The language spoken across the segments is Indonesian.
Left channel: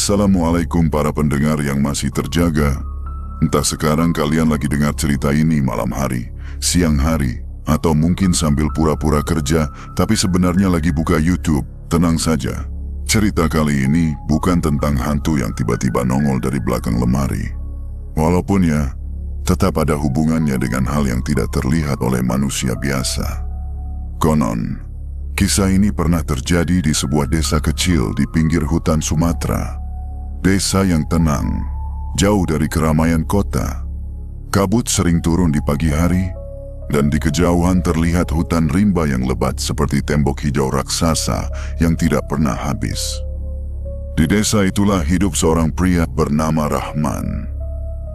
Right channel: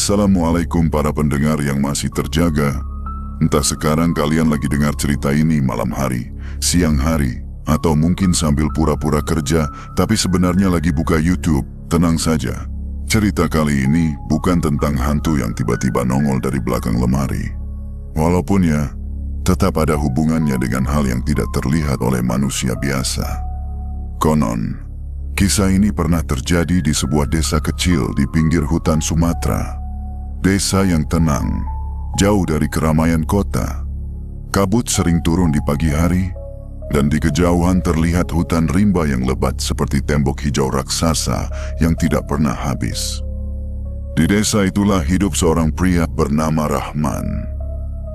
Assalamualaikum para pendengar yang masih terjaga. Entah sekarang kalian lagi dengar cerita ini malam hari, siang hari, atau mungkin sambil pura-pura kerja, tapi sebenarnya lagi buka YouTube. Tenang saja, cerita kali ini bukan tentang hantu yang tiba-tiba nongol dari belakang lemari. Walaupun ya, tetap ada hubungannya dengan hal yang tidak terlihat oleh manusia biasa. Konon, kisah ini pernah terjadi di sebuah desa kecil di pinggir hutan Sumatera. Desa yang tenang, jauh dari keramaian kota. Kabut sering turun di pagi hari, dan di kejauhan terlihat hutan rimba yang lebat seperti tembok hijau raksasa yang tidak pernah habis. Di desa itulah hidup seorang pria bernama Rahman.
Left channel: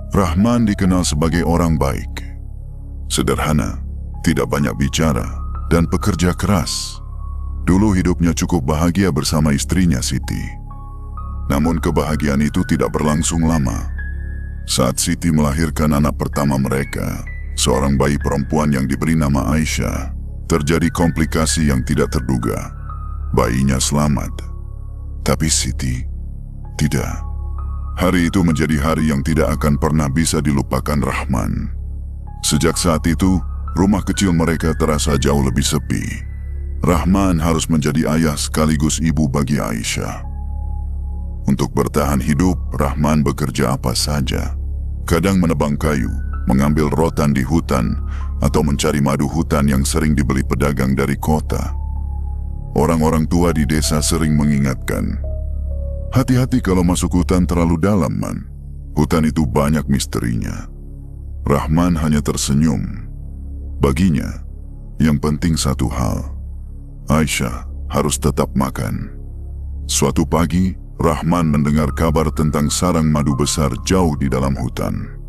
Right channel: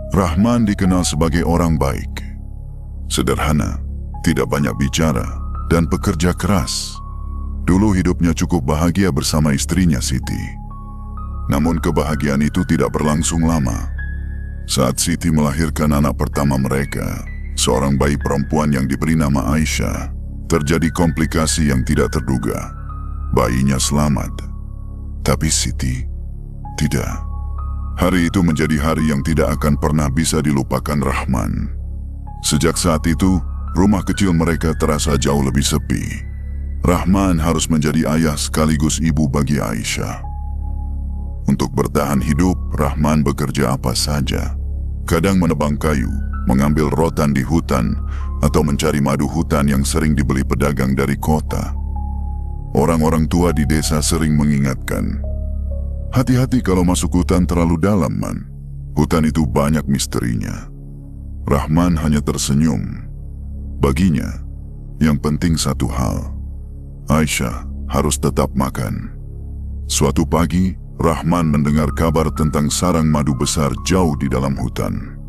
Rahman dikenal sebagai orang baik, sederhana, tidak banyak bicara, dan pekerja keras. Dulu hidupnya cukup bahagia bersama istrinya Siti. Namun kebahagiaan itu tidak berlangsung lama. Saat Siti melahirkan anak pertama mereka, seorang bayi perempuan yang diberi nama Aisyah, terjadi komplikasi yang tidak terduga. Bayinya selamat, tapi Siti tidak. Hari itu menjadi hari yang tidak akan pernah bisa dilupakan Rahman. Sejak saat itu, rumah kecil mereka terasa jauh lebih sepi. Rahman harus menjadi ayah sekaligus ibu bagi Aisyah. Untuk bertahan hidup, Rahman bekerja apa saja. Kadang menebang kayu, mengambil rotan di hutan, atau mencari madu hutan yang sering dibeli pedagang dari kota. Orang-orang tua di desa sering mengingatkan, hati-hati kalau masuk hutan terlalu dalam, man. Hutan itu banyak misterinya. Rahman hanya tersenyum. Baginya, yang penting satu hal, Aisyah harus tetap makan. Suatu pagi, Rahman mendengar kabar tentang sarang madu besar jauh di dalam hutan.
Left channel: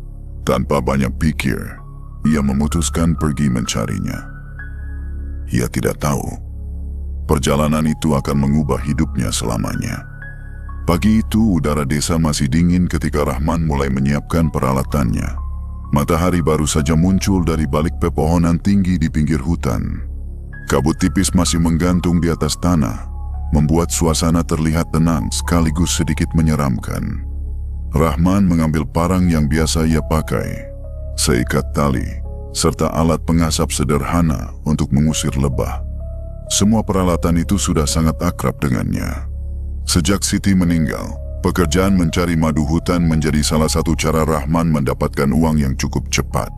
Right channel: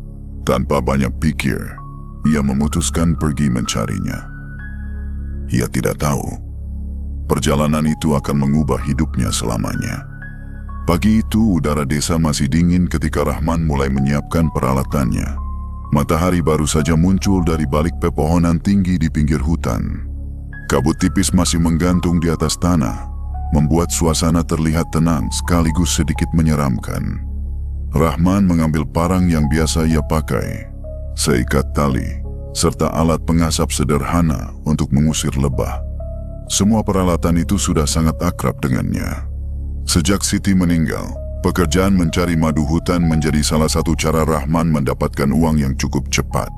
Tanpa banyak pikir, ia memutuskan pergi mencarinya. Ia tidak tahu, perjalanan itu akan mengubah hidupnya selamanya. Pagi itu, udara desa masih dingin ketika Rahman mulai menyiapkan peralatannya. Matahari baru saja muncul dari balik pepohonan tinggi di pinggir hutan. Kabut tipis masih menggantung di atas tanah, membuat suasana terlihat tenang sekaligus sedikit menyeramkan. Rahman mengambil parang yang biasa ia pakai, seikat tali, serta alat pengasap sederhana untuk mengusir lebah. Semua peralatan itu sudah sangat akrab dengannya. Sejak Siti meninggal, pekerjaan mencari madu hutan menjadi salah satu cara Rahman mendapatkan uang yang cukup cepat.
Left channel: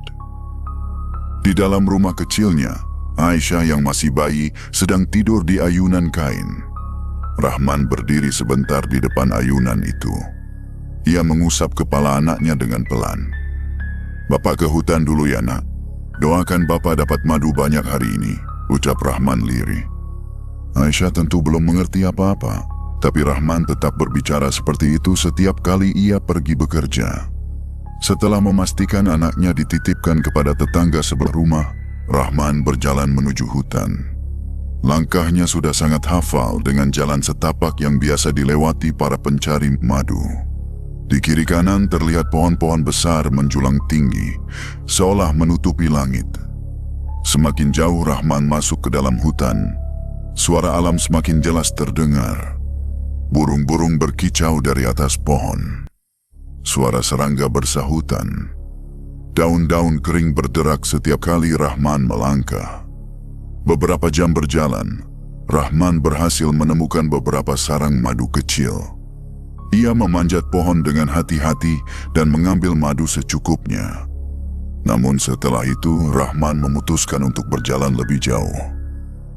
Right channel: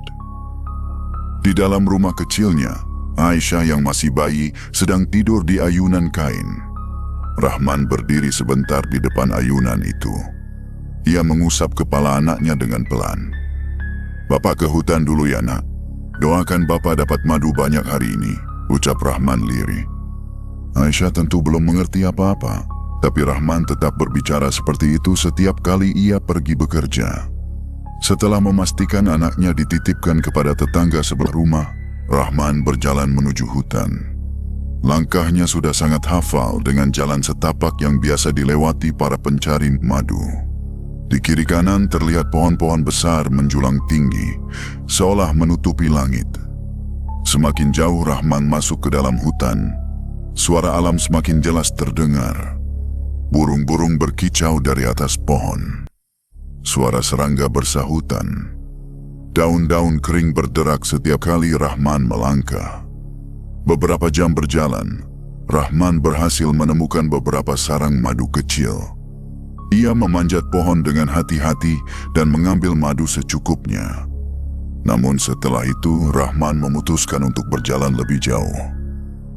Di dalam rumah kecilnya, Aisyah yang masih bayi sedang tidur di ayunan kain. Rahman berdiri sebentar di depan ayunan itu. Ia mengusap kepala anaknya dengan pelan. "Bapak ke hutan dulu ya, nak. Doakan bapak dapat madu banyak hari ini," ucap Rahman lirih. Aisyah tentu belum mengerti apa-apa, tapi Rahman tetap berbicara seperti itu setiap kali ia pergi bekerja. Setelah memastikan anaknya dititipkan kepada tetangga sebelah rumah, Rahman berjalan menuju hutan. Langkahnya sudah sangat hafal dengan jalan setapak yang biasa dilewati para pencari madu. Di kiri kanan terlihat pohon-pohon besar menjulang tinggi, seolah menutupi langit. Semakin jauh Rahman masuk ke dalam hutan, suara alam semakin jelas terdengar. Burung-burung berkicau dari atas pohon. Suara serangga bersahutan. Daun-daun kering berderak setiap kali Rahman melangkah. Beberapa jam berjalan, Rahman berhasil menemukan beberapa sarang madu kecil. Ia memanjat pohon dengan hati-hati dan mengambil madu secukupnya. Namun setelah itu, Rahman memutuskan untuk berjalan lebih jauh.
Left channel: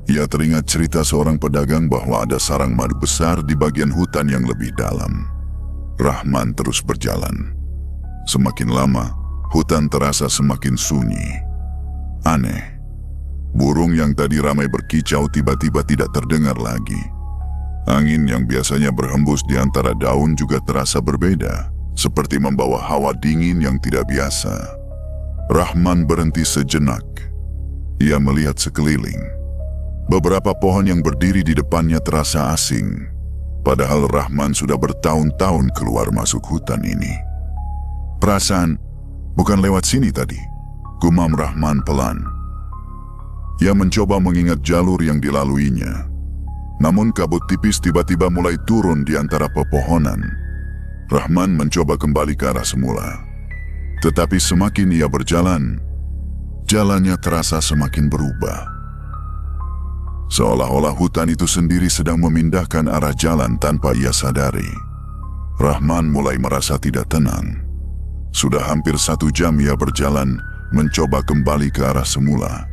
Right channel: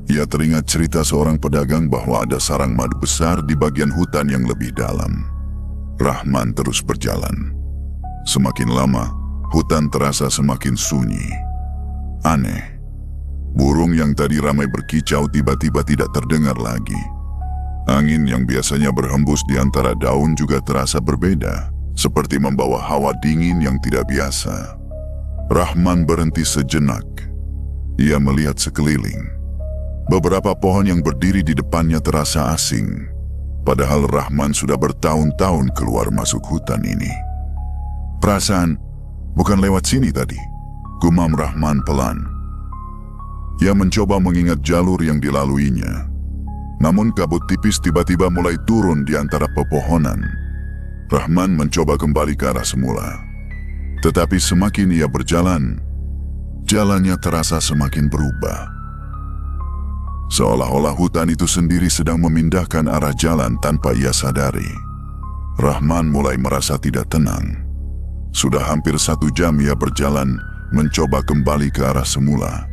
Ia teringat cerita seorang pedagang bahwa ada sarang madu besar di bagian hutan yang lebih dalam. Rahman terus berjalan. Semakin lama, hutan terasa semakin sunyi. Aneh. Burung yang tadi ramai berkicau tiba-tiba tidak terdengar lagi. Angin yang biasanya berhembus di antara daun juga terasa berbeda, seperti membawa hawa dingin yang tidak biasa. Rahman berhenti sejenak. Ia melihat sekeliling. Beberapa pohon yang berdiri di depannya terasa asing, padahal Rahman sudah bertahun-tahun keluar masuk hutan ini. "Perasaan, bukan lewat sini tadi," gumam Rahman pelan. Ia mencoba mengingat jalur yang dilaluinya. Namun kabut tipis tiba-tiba mulai turun di antara pepohonan. Rahman mencoba kembali ke arah semula. Tetapi semakin ia berjalan, jalannya terasa semakin berubah. Seolah-olah hutan itu sendiri sedang memindahkan arah jalan tanpa ia sadari. Rahman mulai merasa tidak tenang. Sudah hampir 1 jam ia berjalan, mencoba kembali ke arah semula.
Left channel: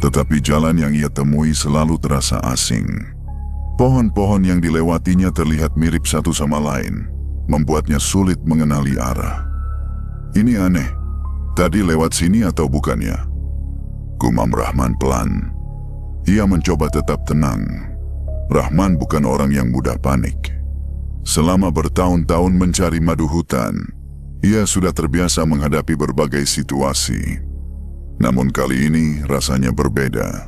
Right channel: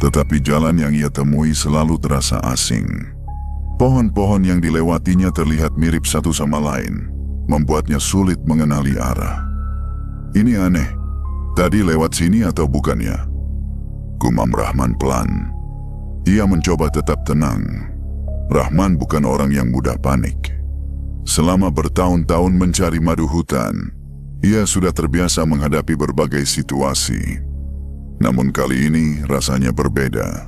Tetapi jalan yang ia temui selalu terasa asing. Pohon-pohon yang dilewatinya terlihat mirip satu sama lain, membuatnya sulit mengenali arah. Ini aneh, tadi lewat sini atau bukan ya? Gumam Rahman pelan. Ia mencoba tetap tenang. Rahman bukan orang yang mudah panik. Selama bertahun-tahun mencari madu hutan, ia sudah terbiasa menghadapi berbagai situasi. Namun kali ini rasanya berbeda.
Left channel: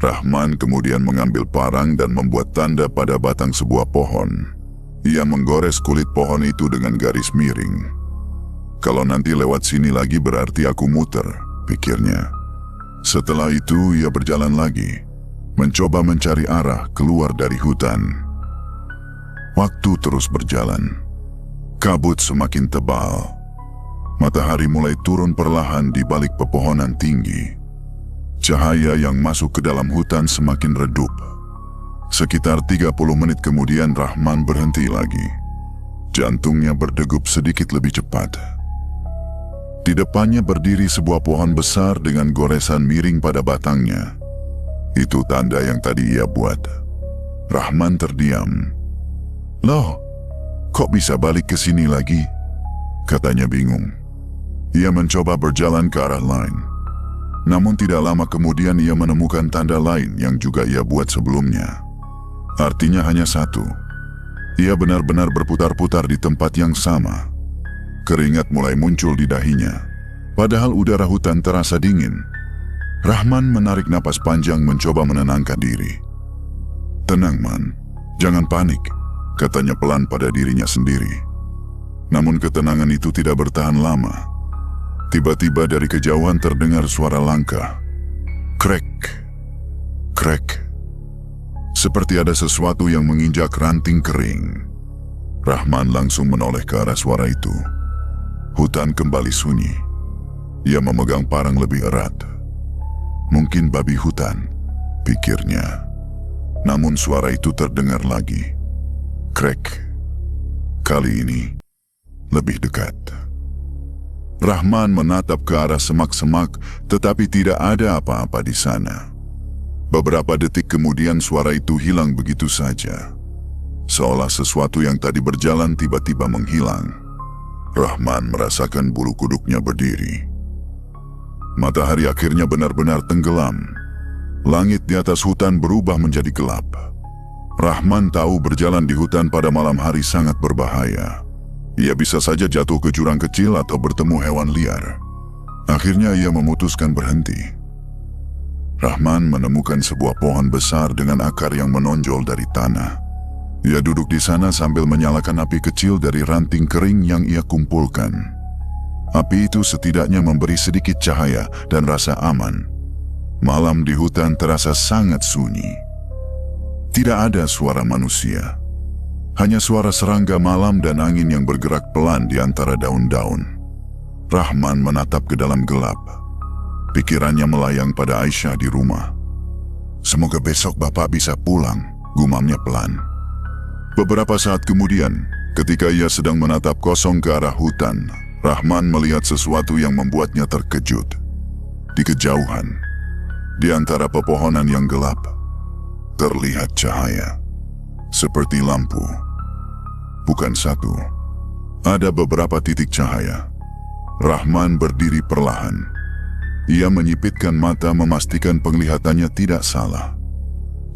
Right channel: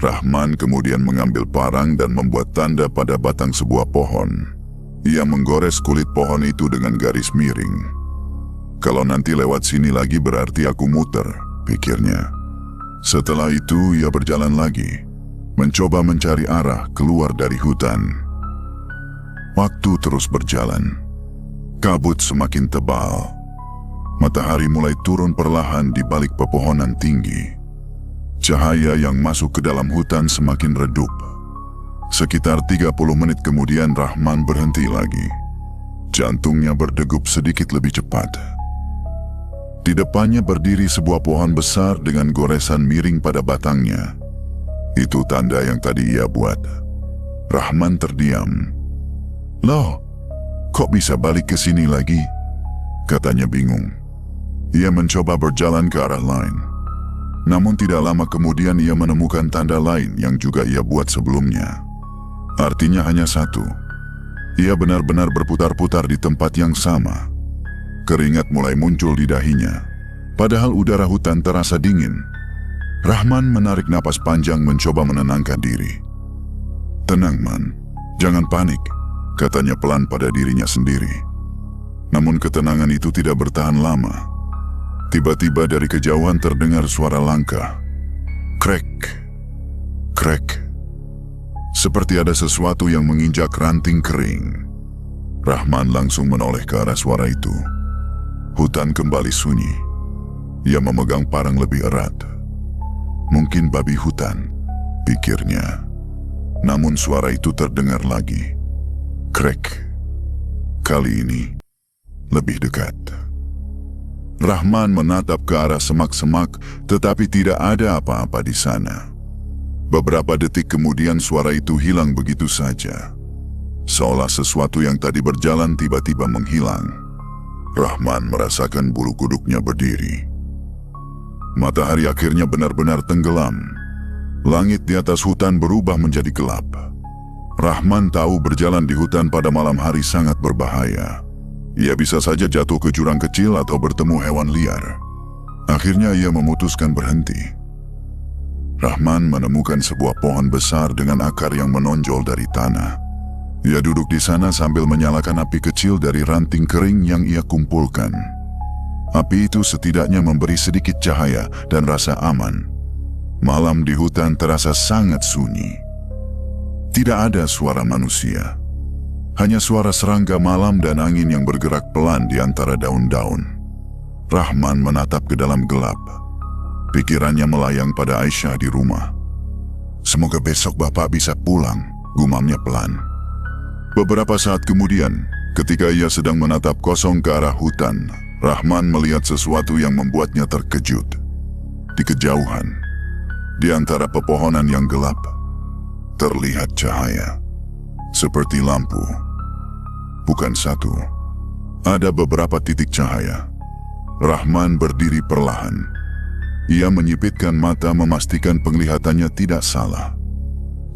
Rahman kemudian mengambil parang dan membuat tanda pada batang sebuah pohon. Ia menggores kulit pohon itu dengan garis miring. Kalau nanti lewat sini lagi berarti aku muter, pikirnya. Setelah itu ia berjalan lagi, mencoba mencari arah keluar dari hutan. Waktu terus berjalan. Kabut semakin tebal. Matahari mulai turun perlahan di balik pepohonan tinggi. Cahaya yang masuk ke dalam hutan semakin redup. Sekitar 30 menit kemudian Rahman berhenti lagi. Jantungnya berdegup sedikit lebih cepat. Di depannya berdiri sebuah pohon besar dengan goresan miring pada batangnya. Itu tanda yang tadi ia buat. Rahman terdiam. "Loh, kok bisa balik ke sini lagi?" katanya bingung. Ia mencoba berjalan ke arah lain. Namun tidak lama kemudian ia menemukan tanda lain yang juga ia buat sebelumnya. Artinya hanya satu. Ia benar-benar berputar-putar di tempat yang sama. Keringat mulai muncul di dahinya. Padahal udara hutan terasa dingin. Rahman menarik napas panjang mencoba menenangkan diri. "Tenang, Man. Jangan panik," katanya pelan pada dirinya sendiri. Namun ketenangan itu tidak bertahan lama. Tiba-tiba dari kejauhan terdengar suara langkah. Krek, krek. Seperti ada sesuatu yang menginjak ranting kering. Rahman langsung menoleh ke arah suara itu. Hutan kembali sunyi. Ia memegang parang lebih erat. Mungkin babi hutan, pikirnya. Namun suara itu terdengar lagi. Krek. Kali ini lebih dekat. Rahman menatap ke arah semak-semak, tetapi tidak ada apa-apa di sana. Beberapa detik kemudian suara itu hilang begitu saja. Seolah sesuatu yang tadi berjalan tiba-tiba menghilang. Rahman merasakan bulu kuduknya berdiri. Matahari akhirnya benar-benar tenggelam. Langit di atas hutan berubah menjadi gelap. Rahman tahu berjalan di hutan pada malam hari sangat berbahaya. Ia bisa saja jatuh ke jurang kecil atau bertemu hewan liar. Akhirnya ia memutuskan berhenti. Rahman menemukan sebuah pohon besar dengan akar yang menonjol dari tanah. Ia duduk di sana sambil menyalakan api kecil dari ranting kering yang ia kumpulkan. Api itu setidaknya memberi sedikit cahaya dan rasa aman. Malam di hutan terasa sangat sunyi. Tidak ada suara manusia. Hanya suara serangga malam dan angin yang bergerak pelan di antara daun-daun. Rahman menatap ke dalam gelap. Pikirannya melayang pada Aisyah di rumah. "Semoga besok Bapak bisa pulang," gumamnya pelan. Beberapa saat kemudian, ketika ia sedang menatap kosong ke arah hutan, Rahman melihat sesuatu yang membuatnya terkejut. Di kejauhan, di antara pepohonan yang gelap, terlihat cahaya. Seperti lampu. Bukan satu. Ada beberapa titik cahaya. Rahman berdiri perlahan. Ia menyipitkan mata memastikan penglihatannya tidak salah.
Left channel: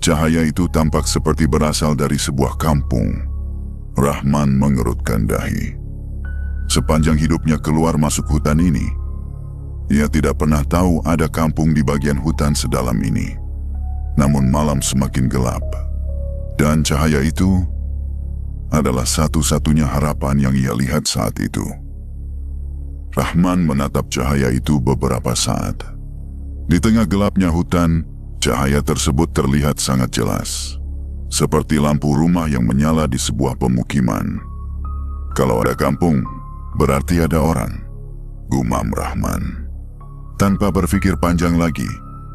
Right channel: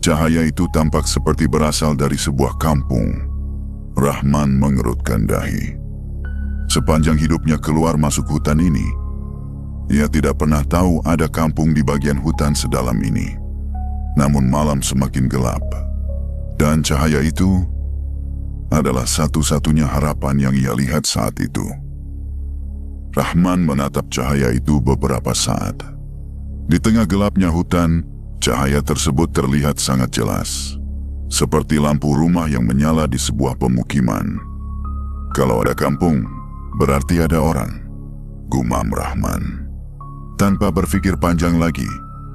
Cahaya itu tampak seperti berasal dari sebuah kampung. Rahman mengerutkan dahi. Sepanjang hidupnya keluar masuk hutan ini, ia tidak pernah tahu ada kampung di bagian hutan sedalam ini. Namun malam semakin gelap, dan cahaya itu adalah satu-satunya harapan yang ia lihat saat itu. Rahman menatap cahaya itu beberapa saat. Di tengah gelapnya hutan, cahaya tersebut terlihat sangat jelas. Seperti lampu rumah yang menyala di sebuah pemukiman. Kalau ada kampung, berarti ada orang, gumam Rahman. Tanpa berpikir panjang lagi,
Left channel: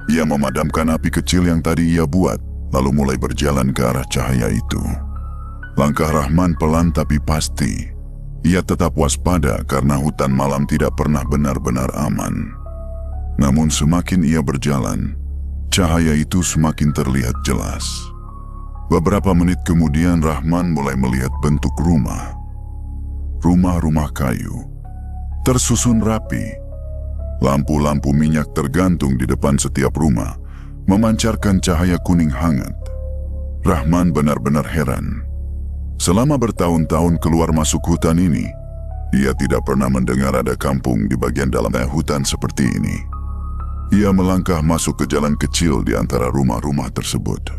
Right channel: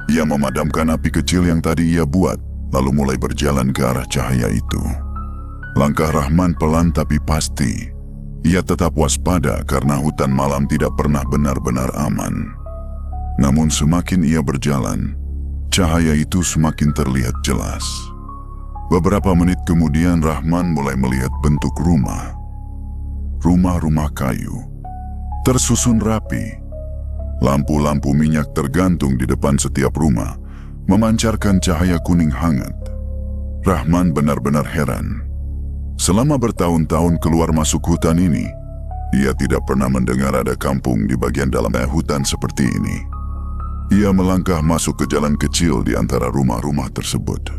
ia memadamkan api kecil yang tadi ia buat, lalu mulai berjalan ke arah cahaya itu. Langkah Rahman pelan tapi pasti. Ia tetap waspada karena hutan malam tidak pernah benar-benar aman. Namun semakin ia berjalan, cahaya itu semakin terlihat jelas. Beberapa menit kemudian Rahman mulai melihat bentuk rumah. Rumah-rumah kayu, tersusun rapi. Lampu-lampu minyak tergantung di depan setiap rumah, memancarkan cahaya kuning hangat. Rahman benar-benar heran. Selama bertahun-tahun keluar masuk hutan ini, ia tidak pernah mendengar ada kampung di bagian dalam hutan seperti ini. Ia melangkah masuk ke jalan kecil di antara rumah-rumah tersebut.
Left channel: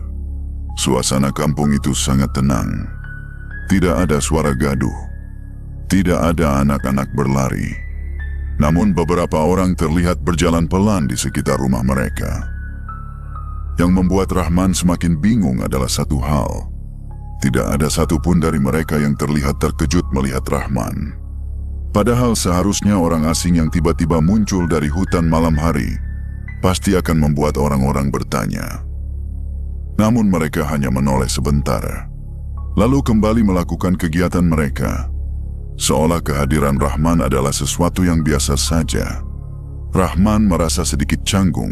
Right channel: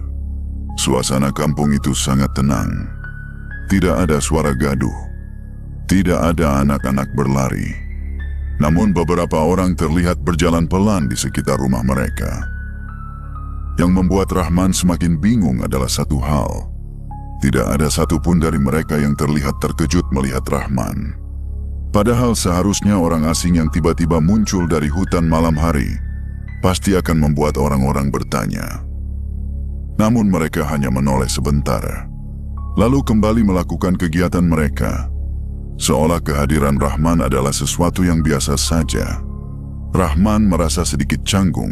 Suasana kampung itu sangat tenang. Tidak ada suara gaduh. Tidak ada anak-anak berlari. Namun beberapa orang terlihat berjalan pelan di sekitar rumah mereka. Yang membuat Rahman semakin bingung adalah satu hal. Tidak ada satupun dari mereka yang terlihat terkejut melihat Rahman. Padahal seharusnya orang asing yang tiba-tiba muncul dari hutan malam hari pasti akan membuat orang-orang bertanya. Namun mereka hanya menoleh sebentar, lalu kembali melakukan kegiatan mereka. Seolah kehadiran Rahman adalah sesuatu yang biasa saja. Rahman merasa sedikit canggung.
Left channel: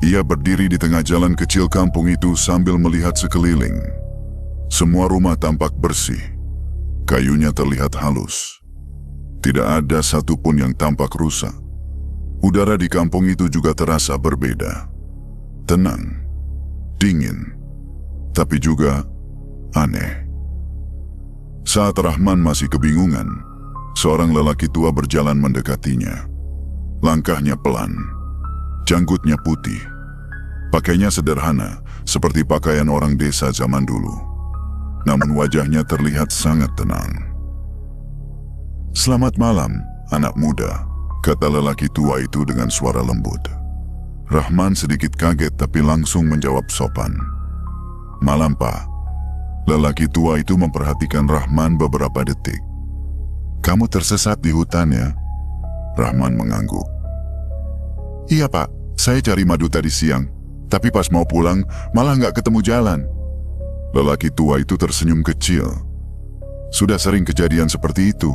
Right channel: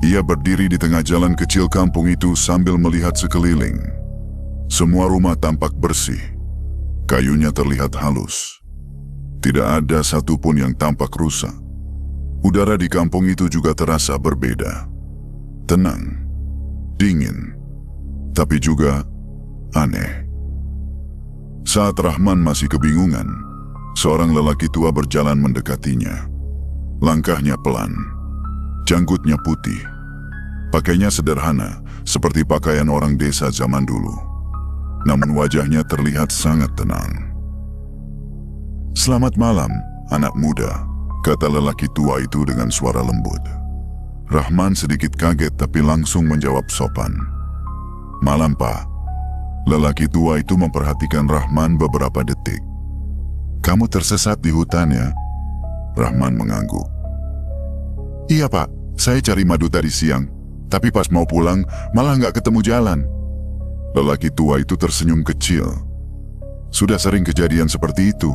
Ia berdiri di tengah jalan kecil kampung itu sambil melihat sekeliling. Semua rumah tampak bersih. Kayunya terlihat halus. Tidak ada satupun yang tampak rusak. Udara di kampung itu juga terasa berbeda. Tenang, dingin, tapi juga aneh. Saat Rahman masih kebingungan, seorang lelaki tua berjalan mendekatinya. Langkahnya pelan, janggutnya putih. Pakainya sederhana, seperti pakaian orang desa zaman dulu. Namun wajahnya terlihat sangat tenang. "Selamat malam, anak muda," kata lelaki tua itu dengan suara lembut. Rahman sedikit kaget tapi langsung menjawab sopan. "Malam, Pak." Lelaki tua itu memperhatikan Rahman beberapa detik. "Kamu tersesat di hutan ya?" Rahman mengangguk. "Iya, Pak. Saya cari madu tadi siang. Tapi pas mau pulang, malah nggak ketemu jalan." Lelaki tua itu tersenyum kecil. Sudah sering kejadian seperti itu.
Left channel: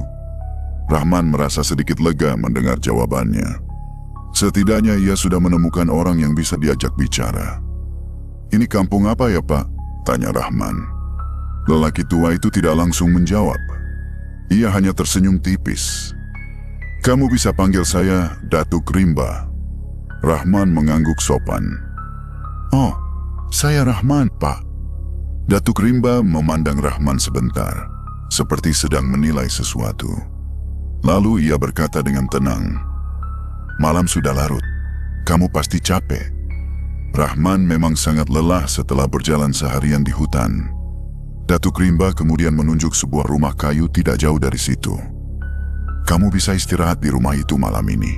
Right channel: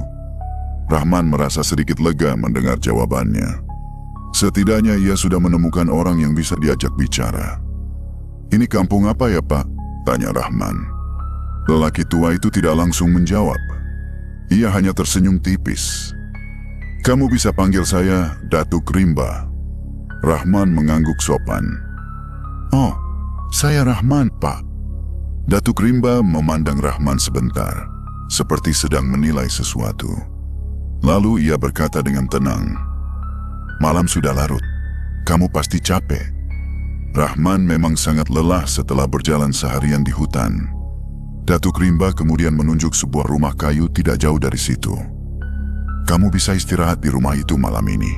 Rahman merasa sedikit lega mendengar jawabannya. Setidaknya ia sudah menemukan orang yang bisa diajak bicara. "Ini kampung apa ya, Pak?" tanya Rahman. Lelaki tua itu tidak langsung menjawab. Ia hanya tersenyum tipis. "Kamu bisa panggil saya Datuk Rimba." Rahman mengangguk sopan. "Oh, saya Rahman, Pak." Datuk Rimba memandang Rahman sebentar, seperti sedang menilai sesuatu. Lalu ia berkata dengan tenang, "Malam sudah larut. Kamu pasti capek." Rahman memang sangat lelah setelah berjalan seharian di hutan. Datuk Rimba kemudian menunjuk sebuah rumah kayu tidak jauh dari situ. "Kamu bisa istirahat di rumah itu malam ini."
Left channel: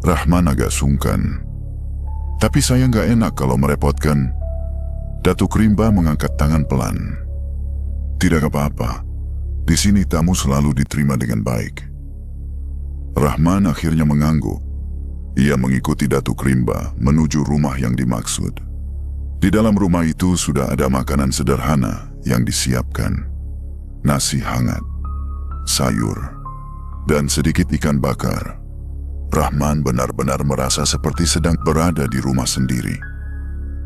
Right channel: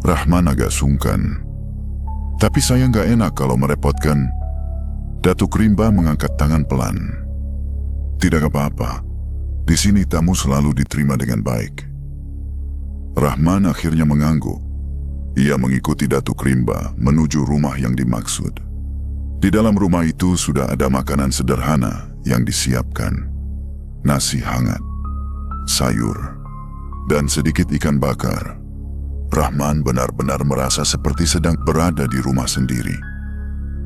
Rahman agak sungkan. "Tapi saya nggak enak kalau merepotkan." Datuk Rimba mengangkat tangan pelan. "Tidak apa-apa. Di sini tamu selalu diterima dengan baik." Rahman akhirnya mengangguk. Ia mengikuti Datuk Rimba menuju rumah yang dimaksud. Di dalam rumah itu sudah ada makanan sederhana yang disiapkan. Nasi hangat, sayur, dan sedikit ikan bakar. Rahman benar-benar merasa seperti sedang berada di rumah sendiri.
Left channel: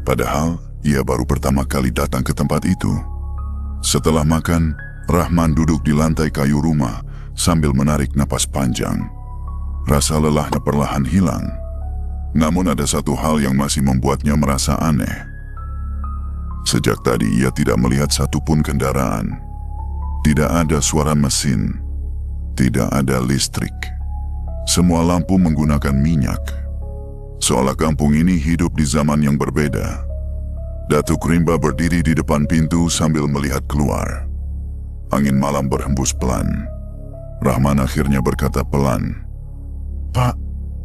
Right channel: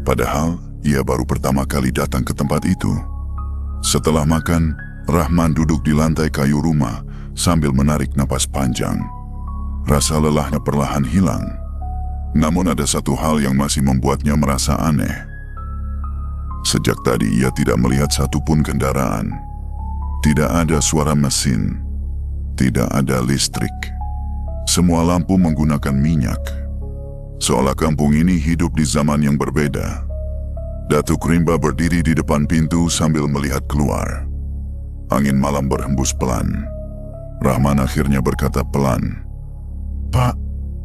Padahal ia baru pertama kali datang ke tempat itu. Setelah makan, Rahman duduk di lantai kayu rumah sambil menarik napas panjang. Rasa lelahnya perlahan hilang. Namun ada satu hal yang masih membuatnya merasa aneh. Sejak tadi ia tidak melihat satupun kendaraan. Tidak ada suara mesin. Tidak ada listrik. Semua lampu menggunakan minyak. Seolah kampung ini hidup di zaman yang berbeda. Datuk Rimba berdiri di depan pintu sambil melihat keluar. Angin malam berhembus pelan. Rahman akhirnya berkata pelan, "Pak,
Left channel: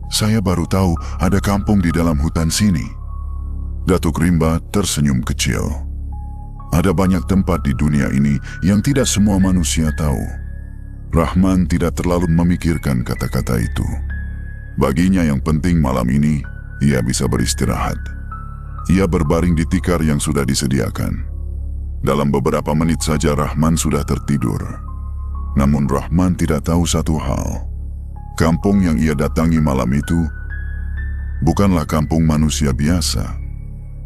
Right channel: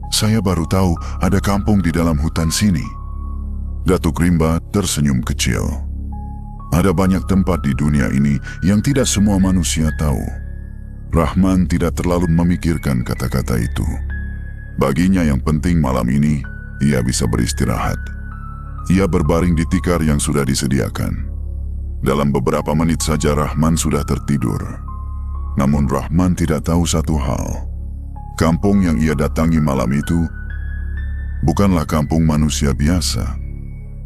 saya baru tahu ada kampung di dalam hutan sini." Datuk Rimba tersenyum kecil. Ada banyak tempat di dunia ini yang tidak semua manusia tahu. Rahman tidak terlalu memikirkan kata-kata itu. Baginya yang penting malam ini, ia bisa beristirahat. Ia berbaring di tikar yang sudah disediakan. Dalam beberapa menit saja Rahman sudah tertidur. Namun Rahman tidak tahu satu hal. Kampung yang ia datangi malam itu bukanlah kampung manusia biasa.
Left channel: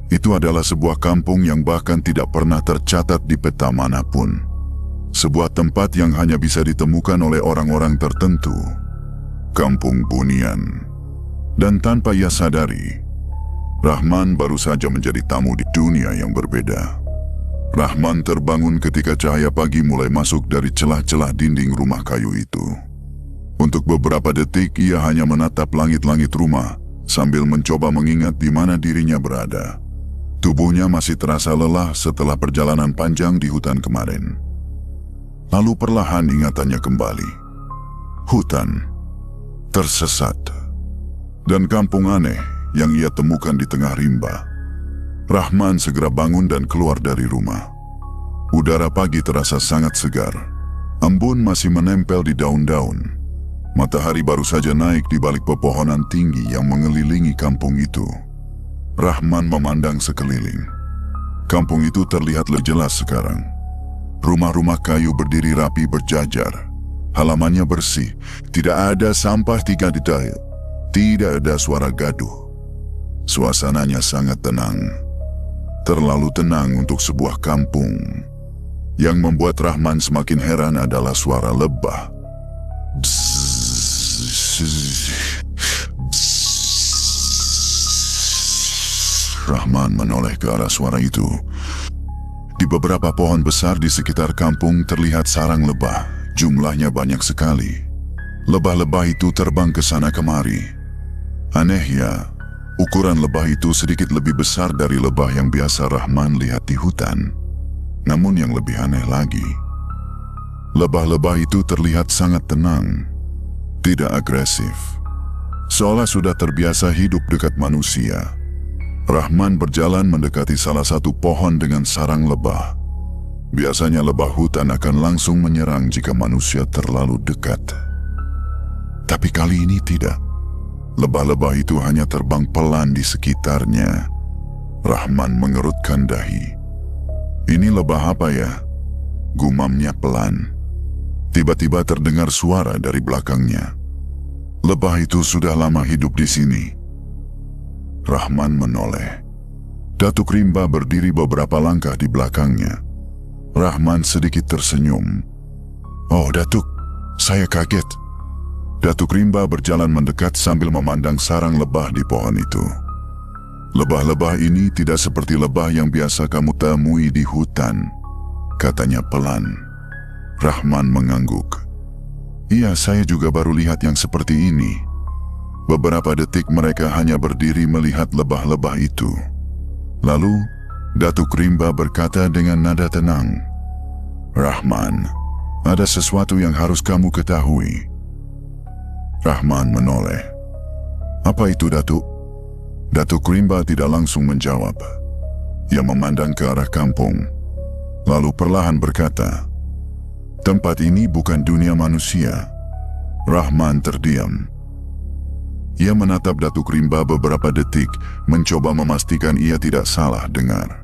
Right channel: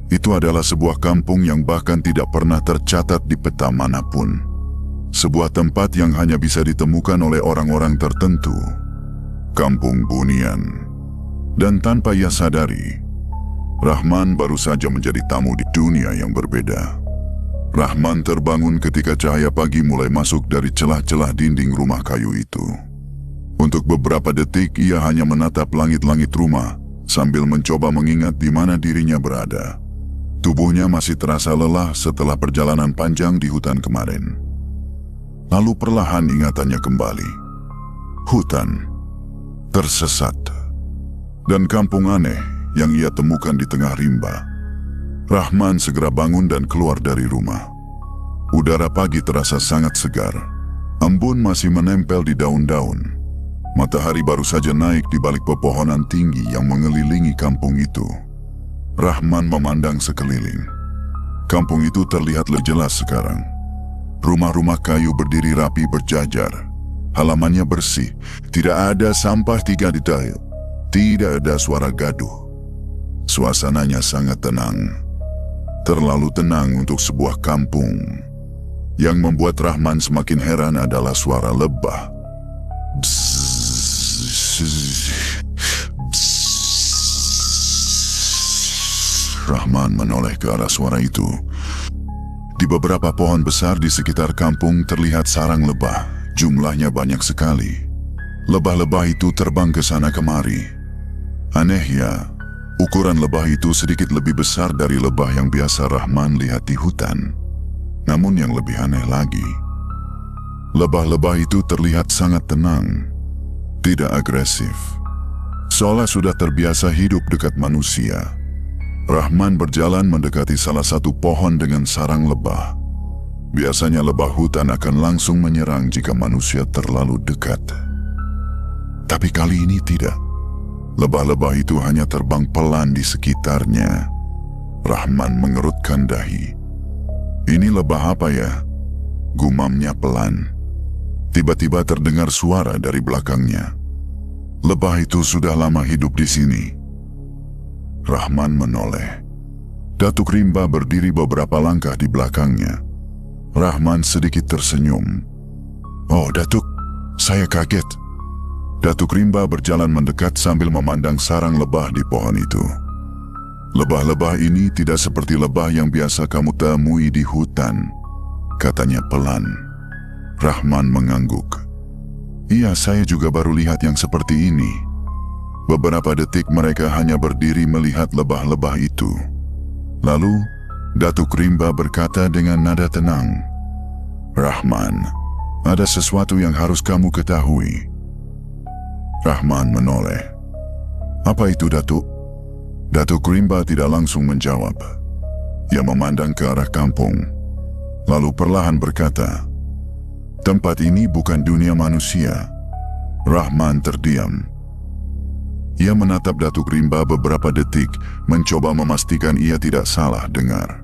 Itu adalah sebuah kampung yang bahkan tidak pernah tercatat di peta manapun. Sebuah tempat yang hanya bisa ditemukan oleh orang-orang tertentu. Kampung Bunian. Dan tanpa ia sadari, Rahman baru saja menjadi tamu di dunia yang berbeda. Rahman terbangun ketika cahaya pagi mulai masuk dari celah-celah dinding rumah kayu itu. Untuk beberapa detik ia hanya menatap langit-langit rumah sambil mencoba mengingat di mana dirinya berada. Tubuhnya masih terasa lelah setelah perjalanan panjang di hutan kemarin. Lalu perlahan ingatannya kembali. Hutan, tersesat, dan kampung aneh yang ia temukan di tengah rimba. Rahman segera bangun dan keluar dari rumah. Udara pagi terasa sangat segar. Embun masih menempel di daun-daun. Matahari baru saja naik di balik pepohonan tinggi yang mengelilingi kampung itu. Rahman memandang sekeliling. Kampung itu terlihat lebih jelas sekarang. Rumah-rumah kayu berdiri rapi berjajar. Halamannya bersih. Tidak ada sampah tiga detail. Tidak ada suara gaduh. Suasananya sangat tenang. Terlalu tenang untuk sebuah kampung. Yang membuat Rahman semakin heran adalah suara lebah. Rahman menoleh ke arah suara itu. Di beberapa pohon besar di sekitar kampung terlihat sarang lebah. Jumlahnya banyak sekali. Lebah-lebah itu terbang ke sana kemari. Anehnya, ukuran lebah itu sedikit lebih besar dari lebah yang biasa Rahman lihat di hutan. Namun yang lebih aneh lagi, lebah-lebah itu terlihat sangat tenang, tidak agresif. Seolah sudah terbiasa hidup dekat manusia. Rahman berjalan mendekati salah satu pohon dengan sarang lebah. Biasanya lebah hutan akan langsung menyerang jika manusia terlalu dekat. Tapi kali ini tidak. Lebah-lebah itu hanya terbang pelan di sekitarnya. Rahman mengerutkan dahi. Ini lebah apa ya? Gumamnya pelan. Tiba-tiba terdengar suara dari belakangnya. Lebah itu sudah lama hidup di sini. Rahman menoleh. Datuk Rimba berdiri beberapa langkah di belakangnya. Rahman sedikit tersenyum. Oh, Datuk, saya kaget. Datuk Rimba berjalan mendekat sambil memandang sarang lebah di pohon itu. Lebah-lebah ini tidak seperti lebah yang biasa kamu temui di hutan, katanya pelan. Rahman mengangguk. Iya, saya juga baru lihat yang seperti ini. Beberapa detik mereka hanya berdiri melihat lebah-lebah itu. Lalu, Datuk Rimba berkata dengan nada tenang, Rahman, ada sesuatu yang harus kamu ketahui. Rahman menoleh. Apa itu, Datuk? Datuk Rimba tidak langsung menjawab. Ia memandang ke arah kampung, lalu perlahan berkata, tempat ini bukan dunia manusia. Rahman terdiam. Ia menatap Datuk Rimba beberapa detik, mencoba memastikan ia tidak salah dengar.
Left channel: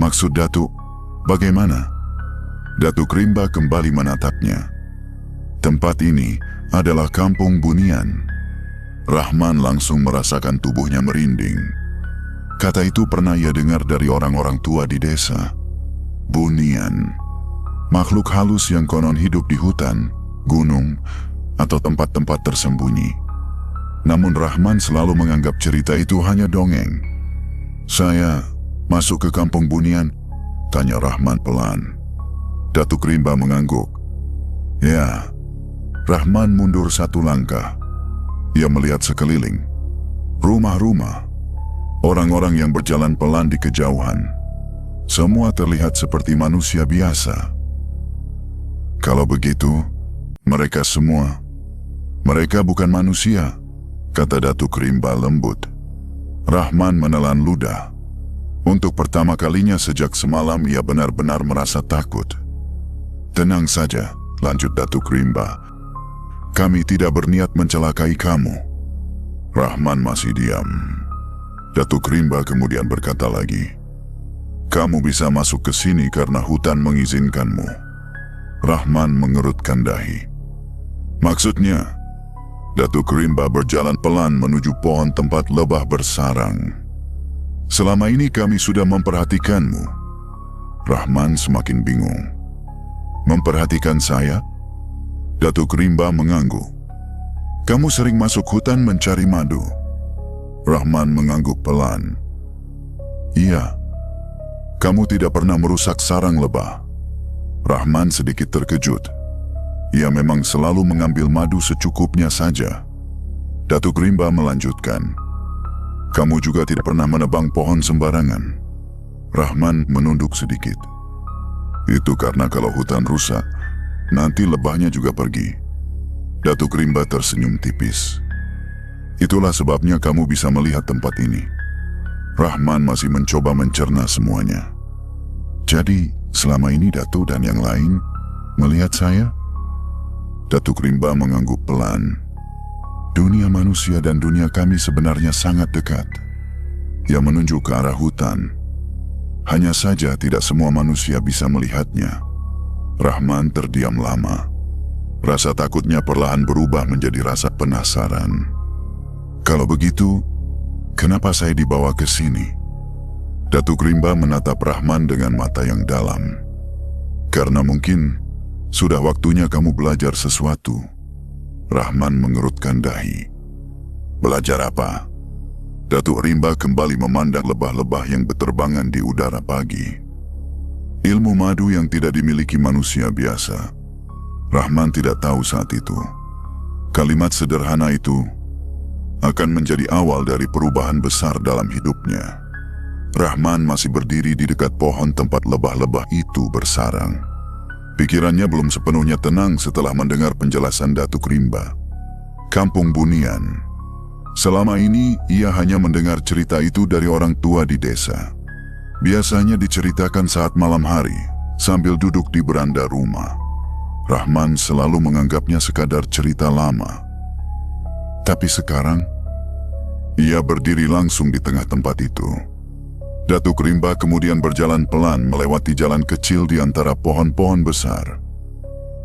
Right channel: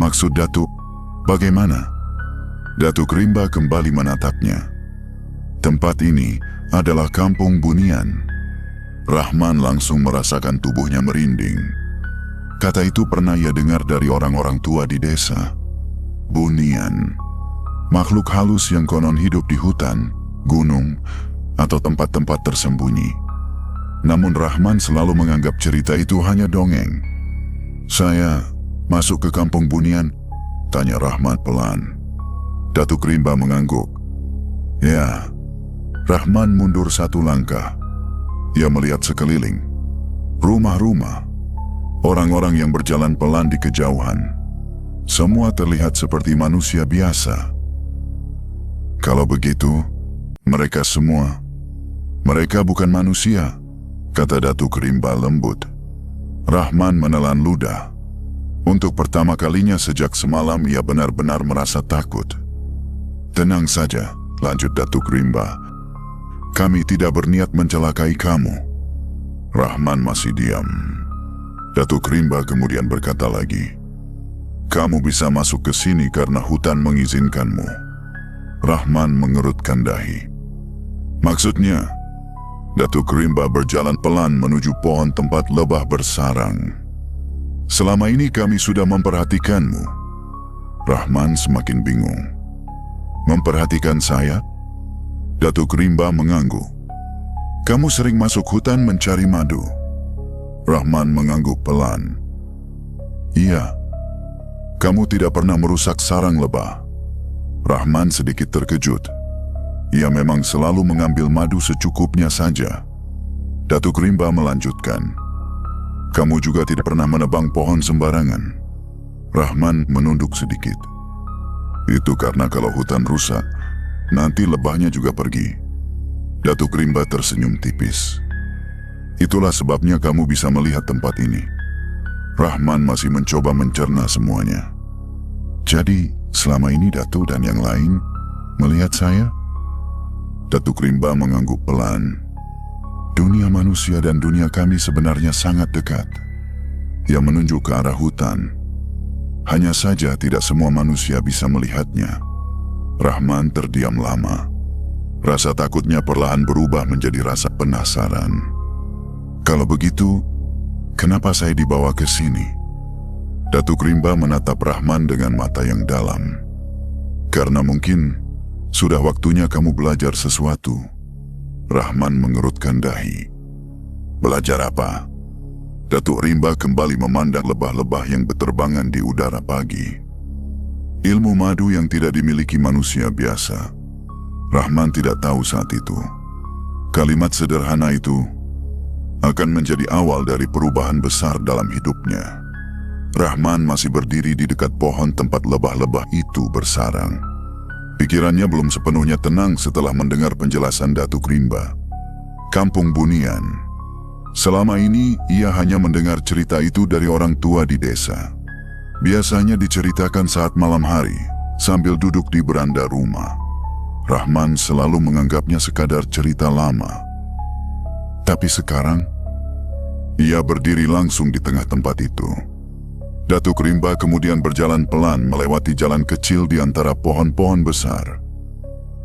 Maksud Datuk, bagaimana? Datuk Rimba kembali menatapnya. Tempat ini adalah kampung Bunian. Rahman langsung merasakan tubuhnya merinding. Kata itu pernah ia dengar dari orang-orang tua di desa. Bunian, makhluk halus yang konon hidup di hutan, gunung, atau tempat-tempat tersembunyi. Namun Rahman selalu menganggap cerita itu hanya dongeng. Saya masuk ke kampung Bunian? Tanya Rahman pelan. Datuk Rimba mengangguk. Ya. Rahman mundur satu langkah. Ia melihat sekeliling. Rumah-rumah. Orang-orang yang berjalan pelan di kejauhan. Semua terlihat seperti manusia biasa. Kalau begitu, mereka bukan manusia, kata Datuk Rimba lembut. Rahman menelan ludah. Untuk pertama kalinya sejak semalam ia benar-benar merasa takut. Tenang saja, lanjut Datuk Rimba. Kami tidak berniat mencelakai kamu. Rahman masih diam. Datuk Rimba kemudian berkata lagi, kamu bisa masuk ke sini karena hutan mengizinkanmu. Rahman mengerutkan dahi. Maksudnya? Datuk Rimba berjalan pelan menuju pohon tempat lebah bersarang. Selama ini kami sudah memperhatikanmu. Rahman semakin bingung. Memperhatikan saya? Datuk Rimba mengangguk. Kamu sering masuk hutan mencari madu. Rahman mengangguk pelan. Iya. Kamu tidak pernah merusak sarang lebah. Rahman sedikit terkejut. Ia memang selalu mengambil madu secukupnya saja. Datuk Rimba melanjutkan. Kamu juga tidak pernah menebang pohon sembarangan. Rahman menunduk sedikit. Itu karena kalau hutan rusak, nanti lebahnya juga pergi. Datuk Rimba tersenyum tipis. Itulah sebabnya kamu bisa melihat tempat ini. Rahman masih mencoba mencerna semuanya. Jadi, selama ini Datuk dan yang lain melihat saya? Datuk Rimba mengangguk pelan. Dunia manusia dan dunia kami sebenarnya sangat dekat. Yang menunjuk ke arah hutan. Hanya saja tidak semua manusia bisa melihatnya. Rahman terdiam lama. Rasa takutnya perlahan berubah menjadi rasa penasaran. Kalau begitu, kenapa saya dibawa ke sini? Datuk Rimba menatap Rahman dengan mata yang dalam. Karena mungkin sudah waktunya kamu belajar sesuatu. Rahman mengerutkan dahi. Belajar apa? Datuk Rimba kembali memandang lebah-lebah yang berterbangan di udara pagi. Ilmu madu yang tidak dimiliki manusia biasa. Rahman tidak tahu saat itu. Kalimat sederhana itu akan menjadi awal dari perubahan besar dalam hidupnya. Rahman masih berdiri di dekat pohon tempat lebah-lebah itu bersarang. Pikirannya belum sepenuhnya tenang setelah mendengar penjelasan Datuk Rimba. Kampung Bunian. Selama ini, ia hanya mendengar cerita itu dari orang tua di desa. Biasanya diceritakan saat malam hari, sambil duduk di beranda rumah. Rahman selalu menganggapnya sekadar cerita lama. Tapi sekarang, ia berdiri langsung di tengah tempat itu. Datuk Rimba kemudian berjalan pelan melewati jalan kecil di antara pohon-pohon besar.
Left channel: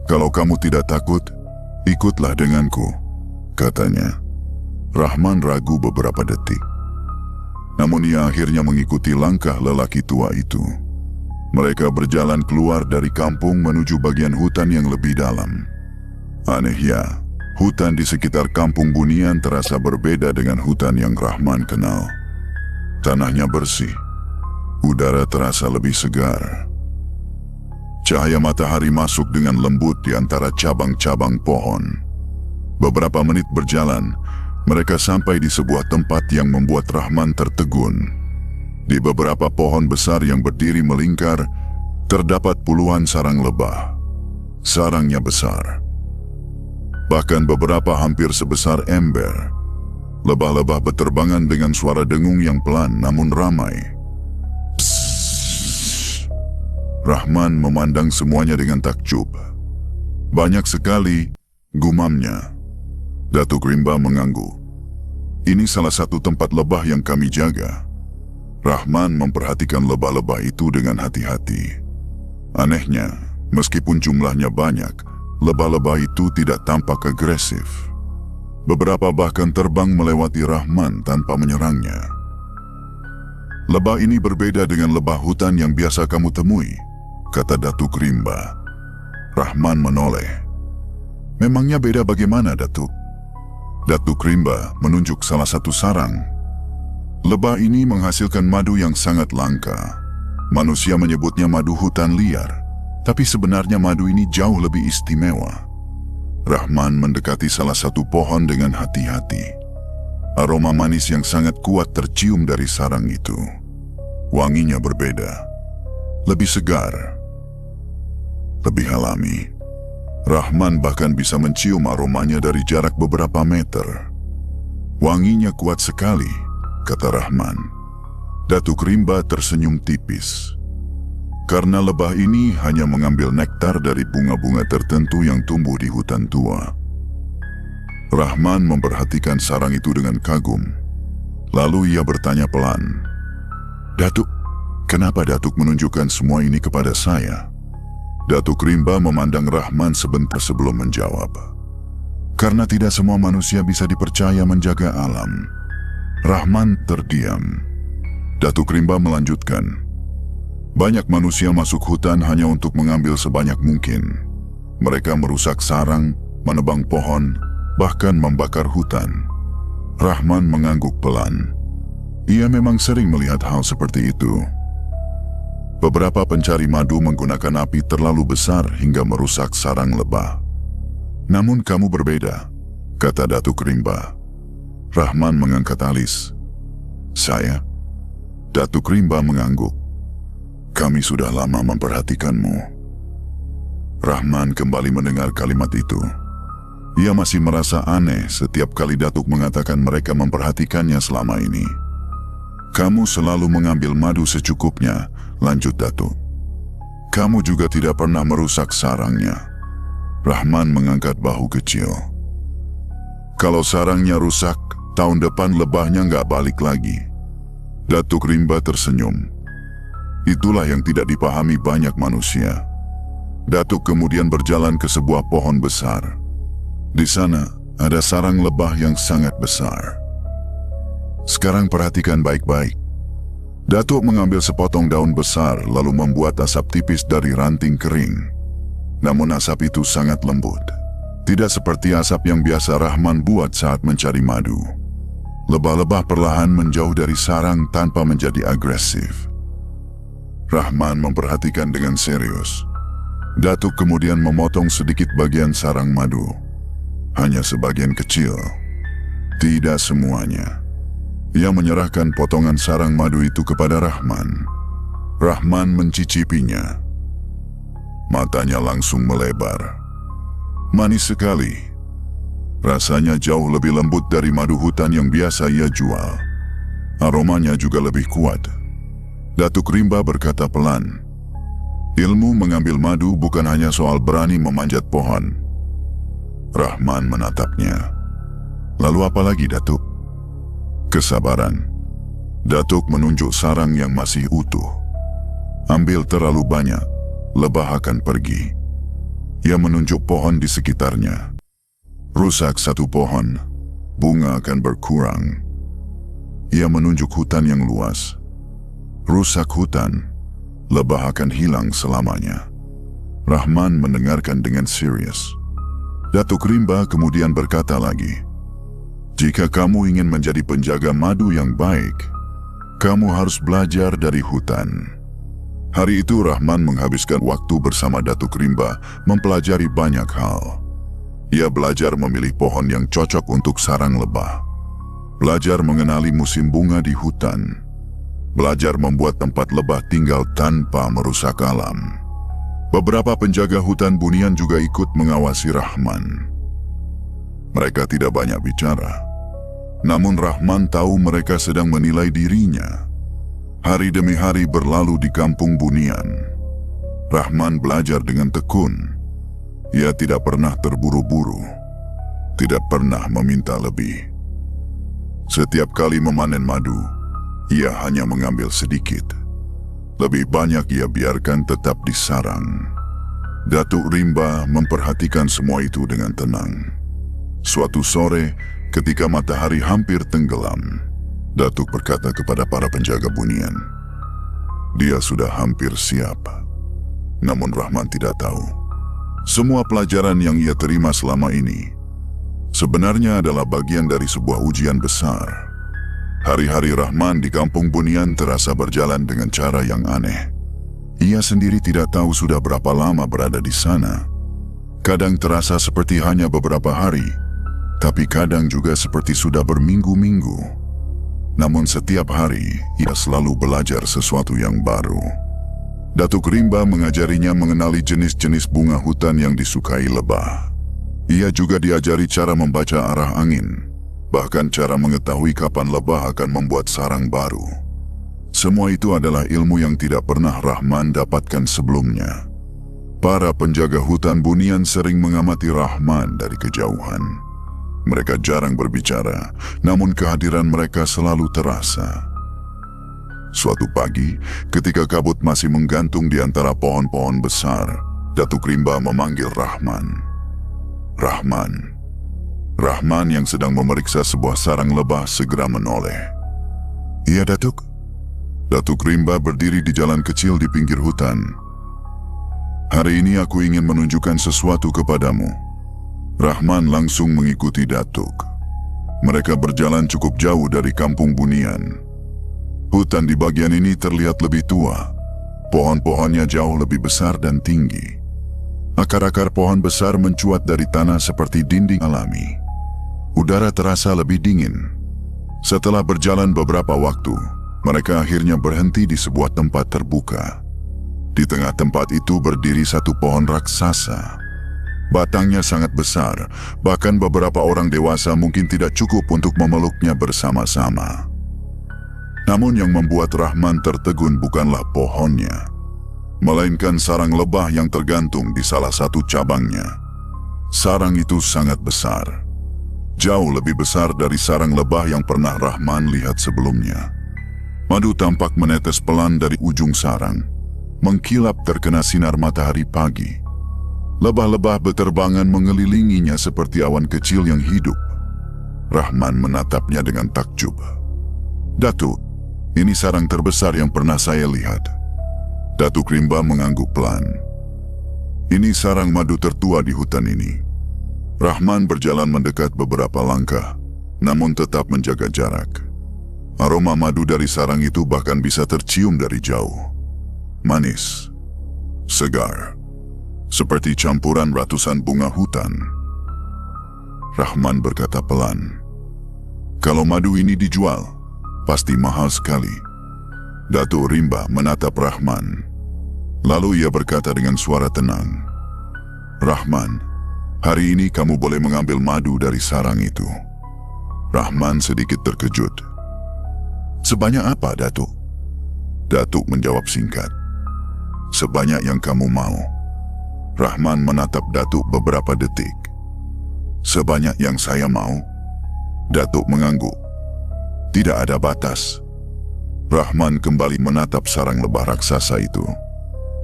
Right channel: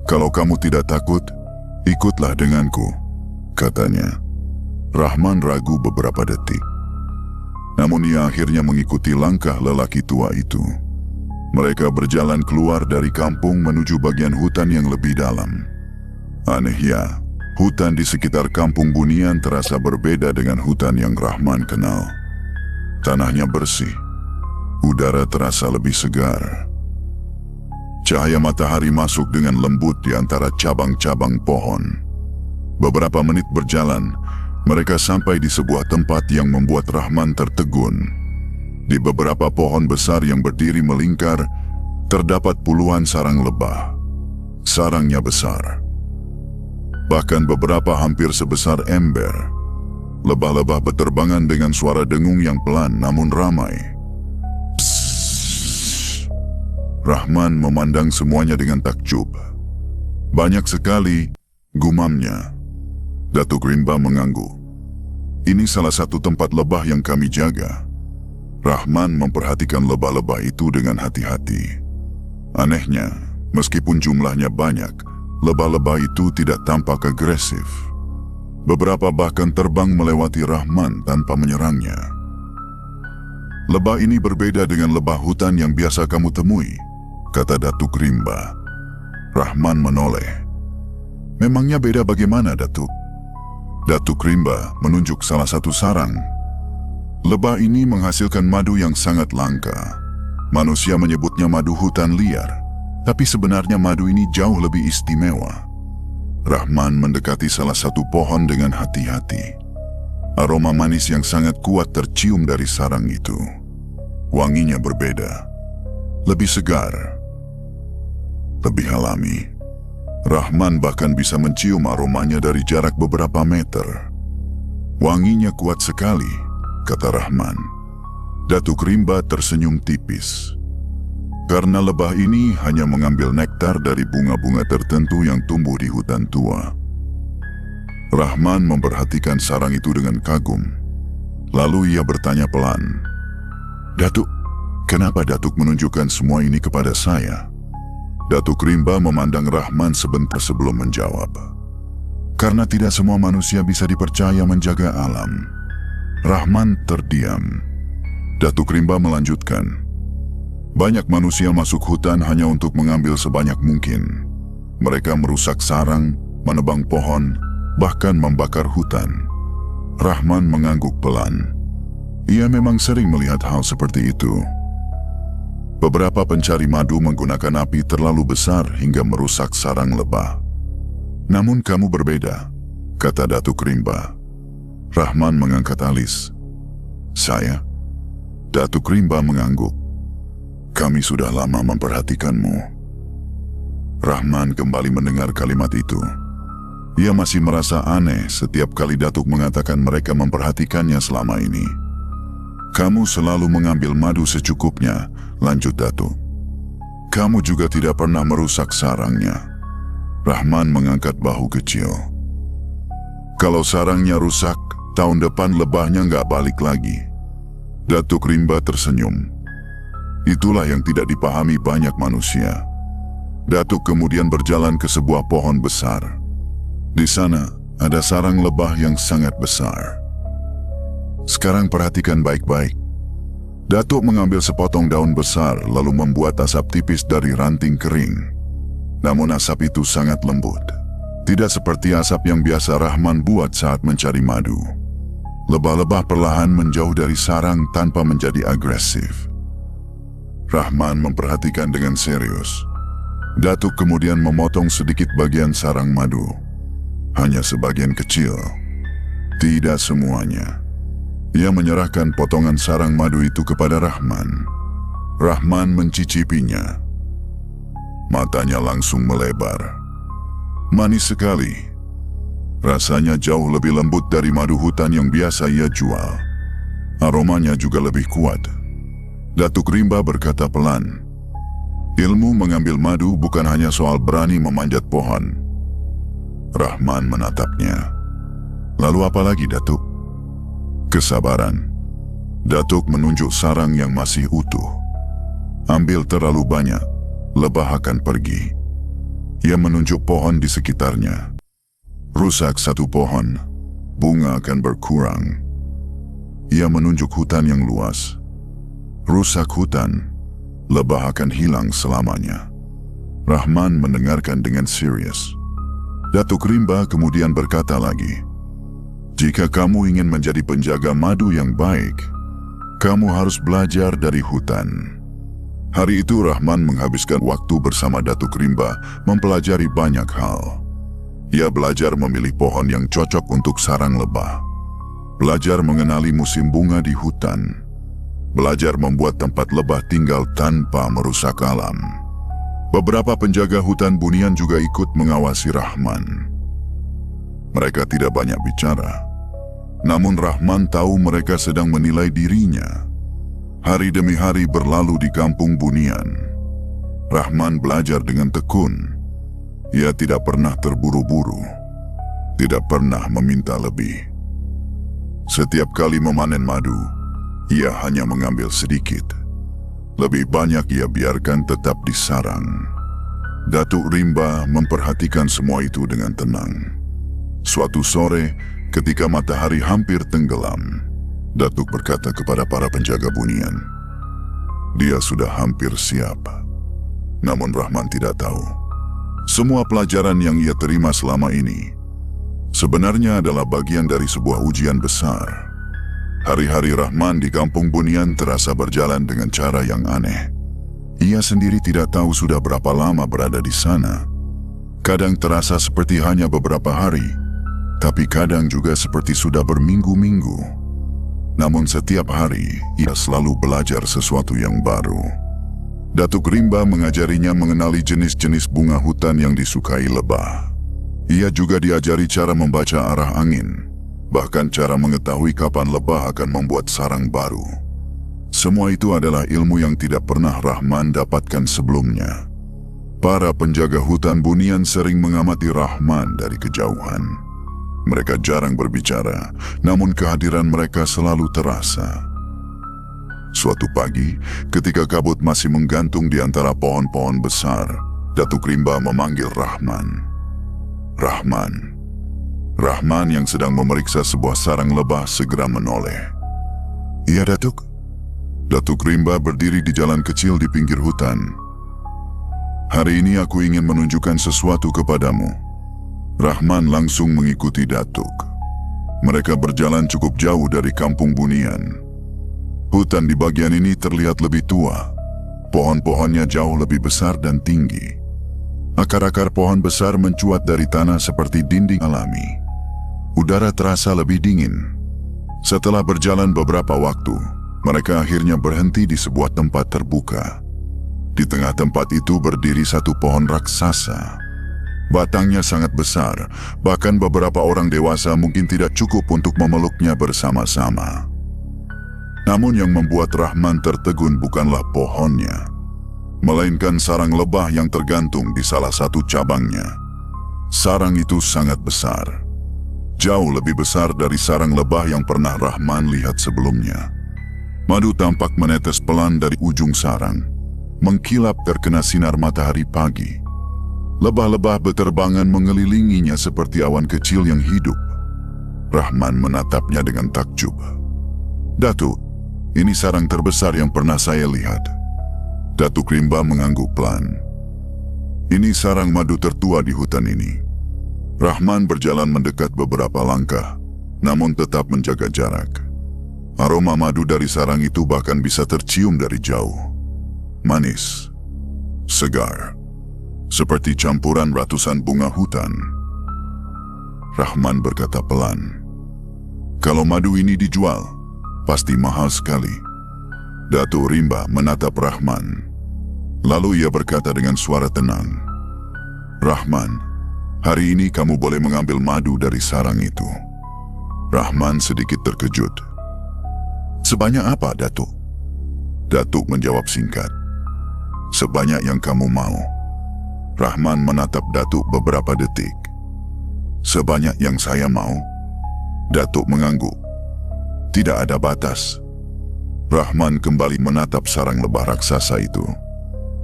Kalau kamu tidak takut, ikutlah denganku, katanya. Rahman ragu beberapa detik. Namun ia akhirnya mengikuti langkah lelaki tua itu. Mereka berjalan keluar dari kampung menuju bagian hutan yang lebih dalam. Aneh ya, hutan di sekitar kampung Bunian terasa berbeda dengan hutan yang Rahman kenal. Tanahnya bersih. Udara terasa lebih segar. Cahaya matahari masuk dengan lembut di antara cabang-cabang pohon. Beberapa menit berjalan, mereka sampai di sebuah tempat yang membuat Rahman tertegun. Di beberapa pohon besar yang berdiri melingkar, terdapat puluhan sarang lebah. Sarangnya besar. Bahkan beberapa hampir sebesar ember. Lebah-lebah berterbangan dengan suara dengung yang pelan namun ramai. Psst. Rahman memandang semuanya dengan takjub. Banyak sekali, gumamnya. Datuk Rimba mengangguk. Ini salah satu tempat lebah yang kami jaga. Rahman memperhatikan lebah-lebah itu dengan hati-hati. Anehnya, meskipun jumlahnya banyak, lebah-lebah itu tidak tampak agresif. Beberapa bahkan terbang melewati Rahman tanpa menyerangnya. Lebah ini berbeda dengan lebah hutan yang biasa kamu temui, kata Datuk Rimba. Rahman menoleh. Memangnya beda bagaimana, Datuk? Datuk Rimba menunjuk salah satu sarang. Lebah ini menghasilkan madu yang sangat langka. Manusia menyebutnya madu hutan liar, tapi sebenarnya madu ini jauh lebih istimewa. Rahman mendekati salah satu pohon dengan hati-hati. Aroma manis yang sangat kuat tercium dari sarang itu. Wanginya berbeda, lebih segar, lebih alami. Rahman bahkan bisa mencium aromanya dari jarak beberapa meter. Wanginya kuat sekali, kata Rahman. Datuk Rimba tersenyum tipis. karena lebah ini hanya mengambil nektar dari bunga-bunga tertentu yang tumbuh di hutan tua. Rahman memperhatikan sarang itu dengan kagum. Lalu ia bertanya pelan, "Datuk, kenapa Datuk menunjukkan semua ini kepada saya?" Datuk Rimba memandang Rahman sebentar sebelum menjawab. "Karena tidak semua manusia bisa dipercaya menjaga alam." Rahman terdiam. Datuk Rimba melanjutkan, "Banyak manusia masuk hutan hanya untuk mengambil sebanyak mungkin. Mereka merusak sarang, menebang pohon, bahkan membakar hutan." Rahman mengangguk pelan. Ia memang sering melihat hal seperti itu. Beberapa pencari madu menggunakan api terlalu besar hingga merusak sarang lebah. "Namun kamu berbeda," kata Datuk Rimba. Rahman mengangkat alis. "Saya?" Datuk Rimba mengangguk. "Kami sudah lama memperhatikanmu." Rahman kembali mendengar kalimat itu. Ia masih merasa aneh setiap kali Datuk mengatakan mereka memperhatikannya selama ini. "Kamu selalu mengambil madu secukupnya," lanjut Datuk. "Kamu juga tidak pernah merusak sarangnya." Rahman mengangkat bahu kecil. "Kalau sarangnya rusak, tahun depan lebahnya nggak balik lagi." Datuk Rimba tersenyum. Itulah yang tidak dipahami banyak manusia. Datuk kemudian berjalan ke sebuah pohon besar. Di sana ada sarang lebah yang sangat besar. "Sekarang perhatikan baik-baik." Datuk mengambil sepotong daun besar lalu membuat asap tipis dari ranting kering. Namun asap itu sangat lembut. Tidak seperti asap yang biasa Rahman buat saat mencari madu. Lebah-lebah perlahan menjauh dari sarang tanpa menjadi agresif. Rahman memperhatikan dengan serius. Datuk kemudian memotong sedikit bagian sarang madu. Hanya sebagian kecil. Tidak semuanya. Ia menyerahkan potongan sarang madu itu kepada Rahman. Rahman mencicipinya. Matanya langsung melebar. Manis sekali. Rasanya jauh lebih lembut dari madu hutan yang biasa ia jual. Aromanya juga lebih kuat. Datuk Rimba berkata pelan, "Ilmu mengambil madu bukan hanya soal berani memanjat pohon." Rahman menatapnya. "Lalu apa lagi, Datuk?" "Kesabaran." Datuk menunjuk sarang yang masih utuh. "Ambil terlalu banyak, lebah akan pergi." Ia menunjuk pohon di sekitarnya. "Rusak satu pohon, bunga akan berkurang." Ia menunjuk hutan yang luas. "Rusak hutan, lebah akan hilang selamanya." Rahman mendengarkan dengan serius. Datuk Rimba kemudian berkata lagi, "Jika kamu ingin menjadi penjaga madu yang baik, kamu harus belajar dari hutan." Hari itu Rahman menghabiskan waktu bersama Datuk Rimba mempelajari banyak hal. Ia belajar memilih pohon yang cocok untuk sarang lebah, belajar mengenali musim bunga di hutan, belajar membuat tempat lebah tinggal tanpa merusak alam. Beberapa penjaga hutan bunian juga ikut mengawasi Rahman. Mereka tidak banyak bicara, namun Rahman tahu mereka sedang menilai dirinya. Hari demi hari berlalu di kampung bunian. Rahman belajar dengan tekun. Ia tidak pernah terburu-buru, tidak pernah meminta lebih. Setiap kali memanen madu, ia hanya mengambil sedikit. Lebih banyak ia biarkan tetap di sarang. Datuk Rimba memperhatikan semua itu dengan tenang. Suatu sore, ketika matahari hampir tenggelam, Datuk berkata kepada para penjaga bunian, dia sudah hampir siap. Namun Rahman tidak tahu. Semua pelajaran yang ia terima selama ini sebenarnya adalah bagian dari sebuah ujian besar. Hari-hari Rahman di kampung bunian terasa berjalan dengan cara yang aneh. Ia sendiri tidak tahu sudah berapa lama berada di sana. Kadang terasa seperti hanya beberapa hari, tapi kadang juga seperti sudah berminggu-minggu. Namun setiap hari, ia selalu belajar sesuatu yang baru. Datuk Rimba mengajarinya mengenali jenis-jenis bunga hutan yang disukai lebah. Ia juga diajari cara membaca arah angin, bahkan cara mengetahui kapan lebah akan membuat sarang baru. Semua itu adalah ilmu yang tidak pernah Rahman dapatkan sebelumnya. Para penjaga hutan bunian sering mengamati Rahman dari kejauhan. Mereka jarang berbicara, namun kehadiran mereka selalu terasa. Suatu pagi, ketika kabut masih menggantung di antara pohon-pohon besar, Datuk Rimba memanggil Rahman. Rahman. Rahman yang sedang memeriksa sebuah sarang lebah segera menoleh. Iya, Datuk. Datuk Rimba berdiri di jalan kecil di pinggir hutan. Hari ini aku ingin menunjukkan sesuatu kepadamu. Rahman langsung mengikuti Datuk. Mereka berjalan cukup jauh dari kampung bunian. Hutan di bagian ini terlihat lebih tua. Pohon-pohonnya jauh lebih besar dan tinggi. Akar-akar pohon besar mencuat dari tanah seperti dinding alami. Udara terasa lebih dingin. Setelah berjalan beberapa waktu, mereka akhirnya berhenti di sebuah tempat terbuka. Di tengah tempat itu berdiri satu pohon raksasa. Batangnya sangat besar, bahkan beberapa orang dewasa mungkin tidak cukup untuk memeluknya bersama-sama. Namun yang membuat Rahman tertegun bukanlah pohonnya, melainkan sarang lebah yang tergantung di salah satu cabangnya. Sarang itu sangat besar, jauh lebih besar dari sarang lebah yang pernah Rahman lihat sebelumnya. Madu tampak menetes pelan dari ujung sarang, mengkilap terkena sinar matahari pagi. Lebah-lebah beterbangan mengelilinginya seperti awan kecil yang hidup. Rahman menatapnya dengan takjub. Datuk, ini sarang terbesar yang pernah saya lihat. Datuk Rimba mengangguk pelan. Ini sarang madu tertua di hutan ini. Rahman berjalan mendekat beberapa langkah, namun tetap menjaga jarak. Aroma madu dari sarang itu bahkan bisa tercium dari jauh. Manis, segar, seperti campuran ratusan bunga hutan. Rahman berkata pelan, "Kalau madu ini dijual, pasti mahal sekali." Datuk Rimba menatap Rahman. Lalu ia berkata dengan suara tenang, "Rahman, hari ini kamu boleh mengambil madu dari sarang itu." Rahman sedikit terkejut. "Sebanyak apa, Datuk?" Datuk menjawab singkat, "Sebanyak yang kamu mau." Rahman menatap Datuk beberapa detik. "Sebanyak yang saya mau?" Datuk mengangguk. "Tidak ada batas." Rahman kembali menatap sarang lebah raksasa itu.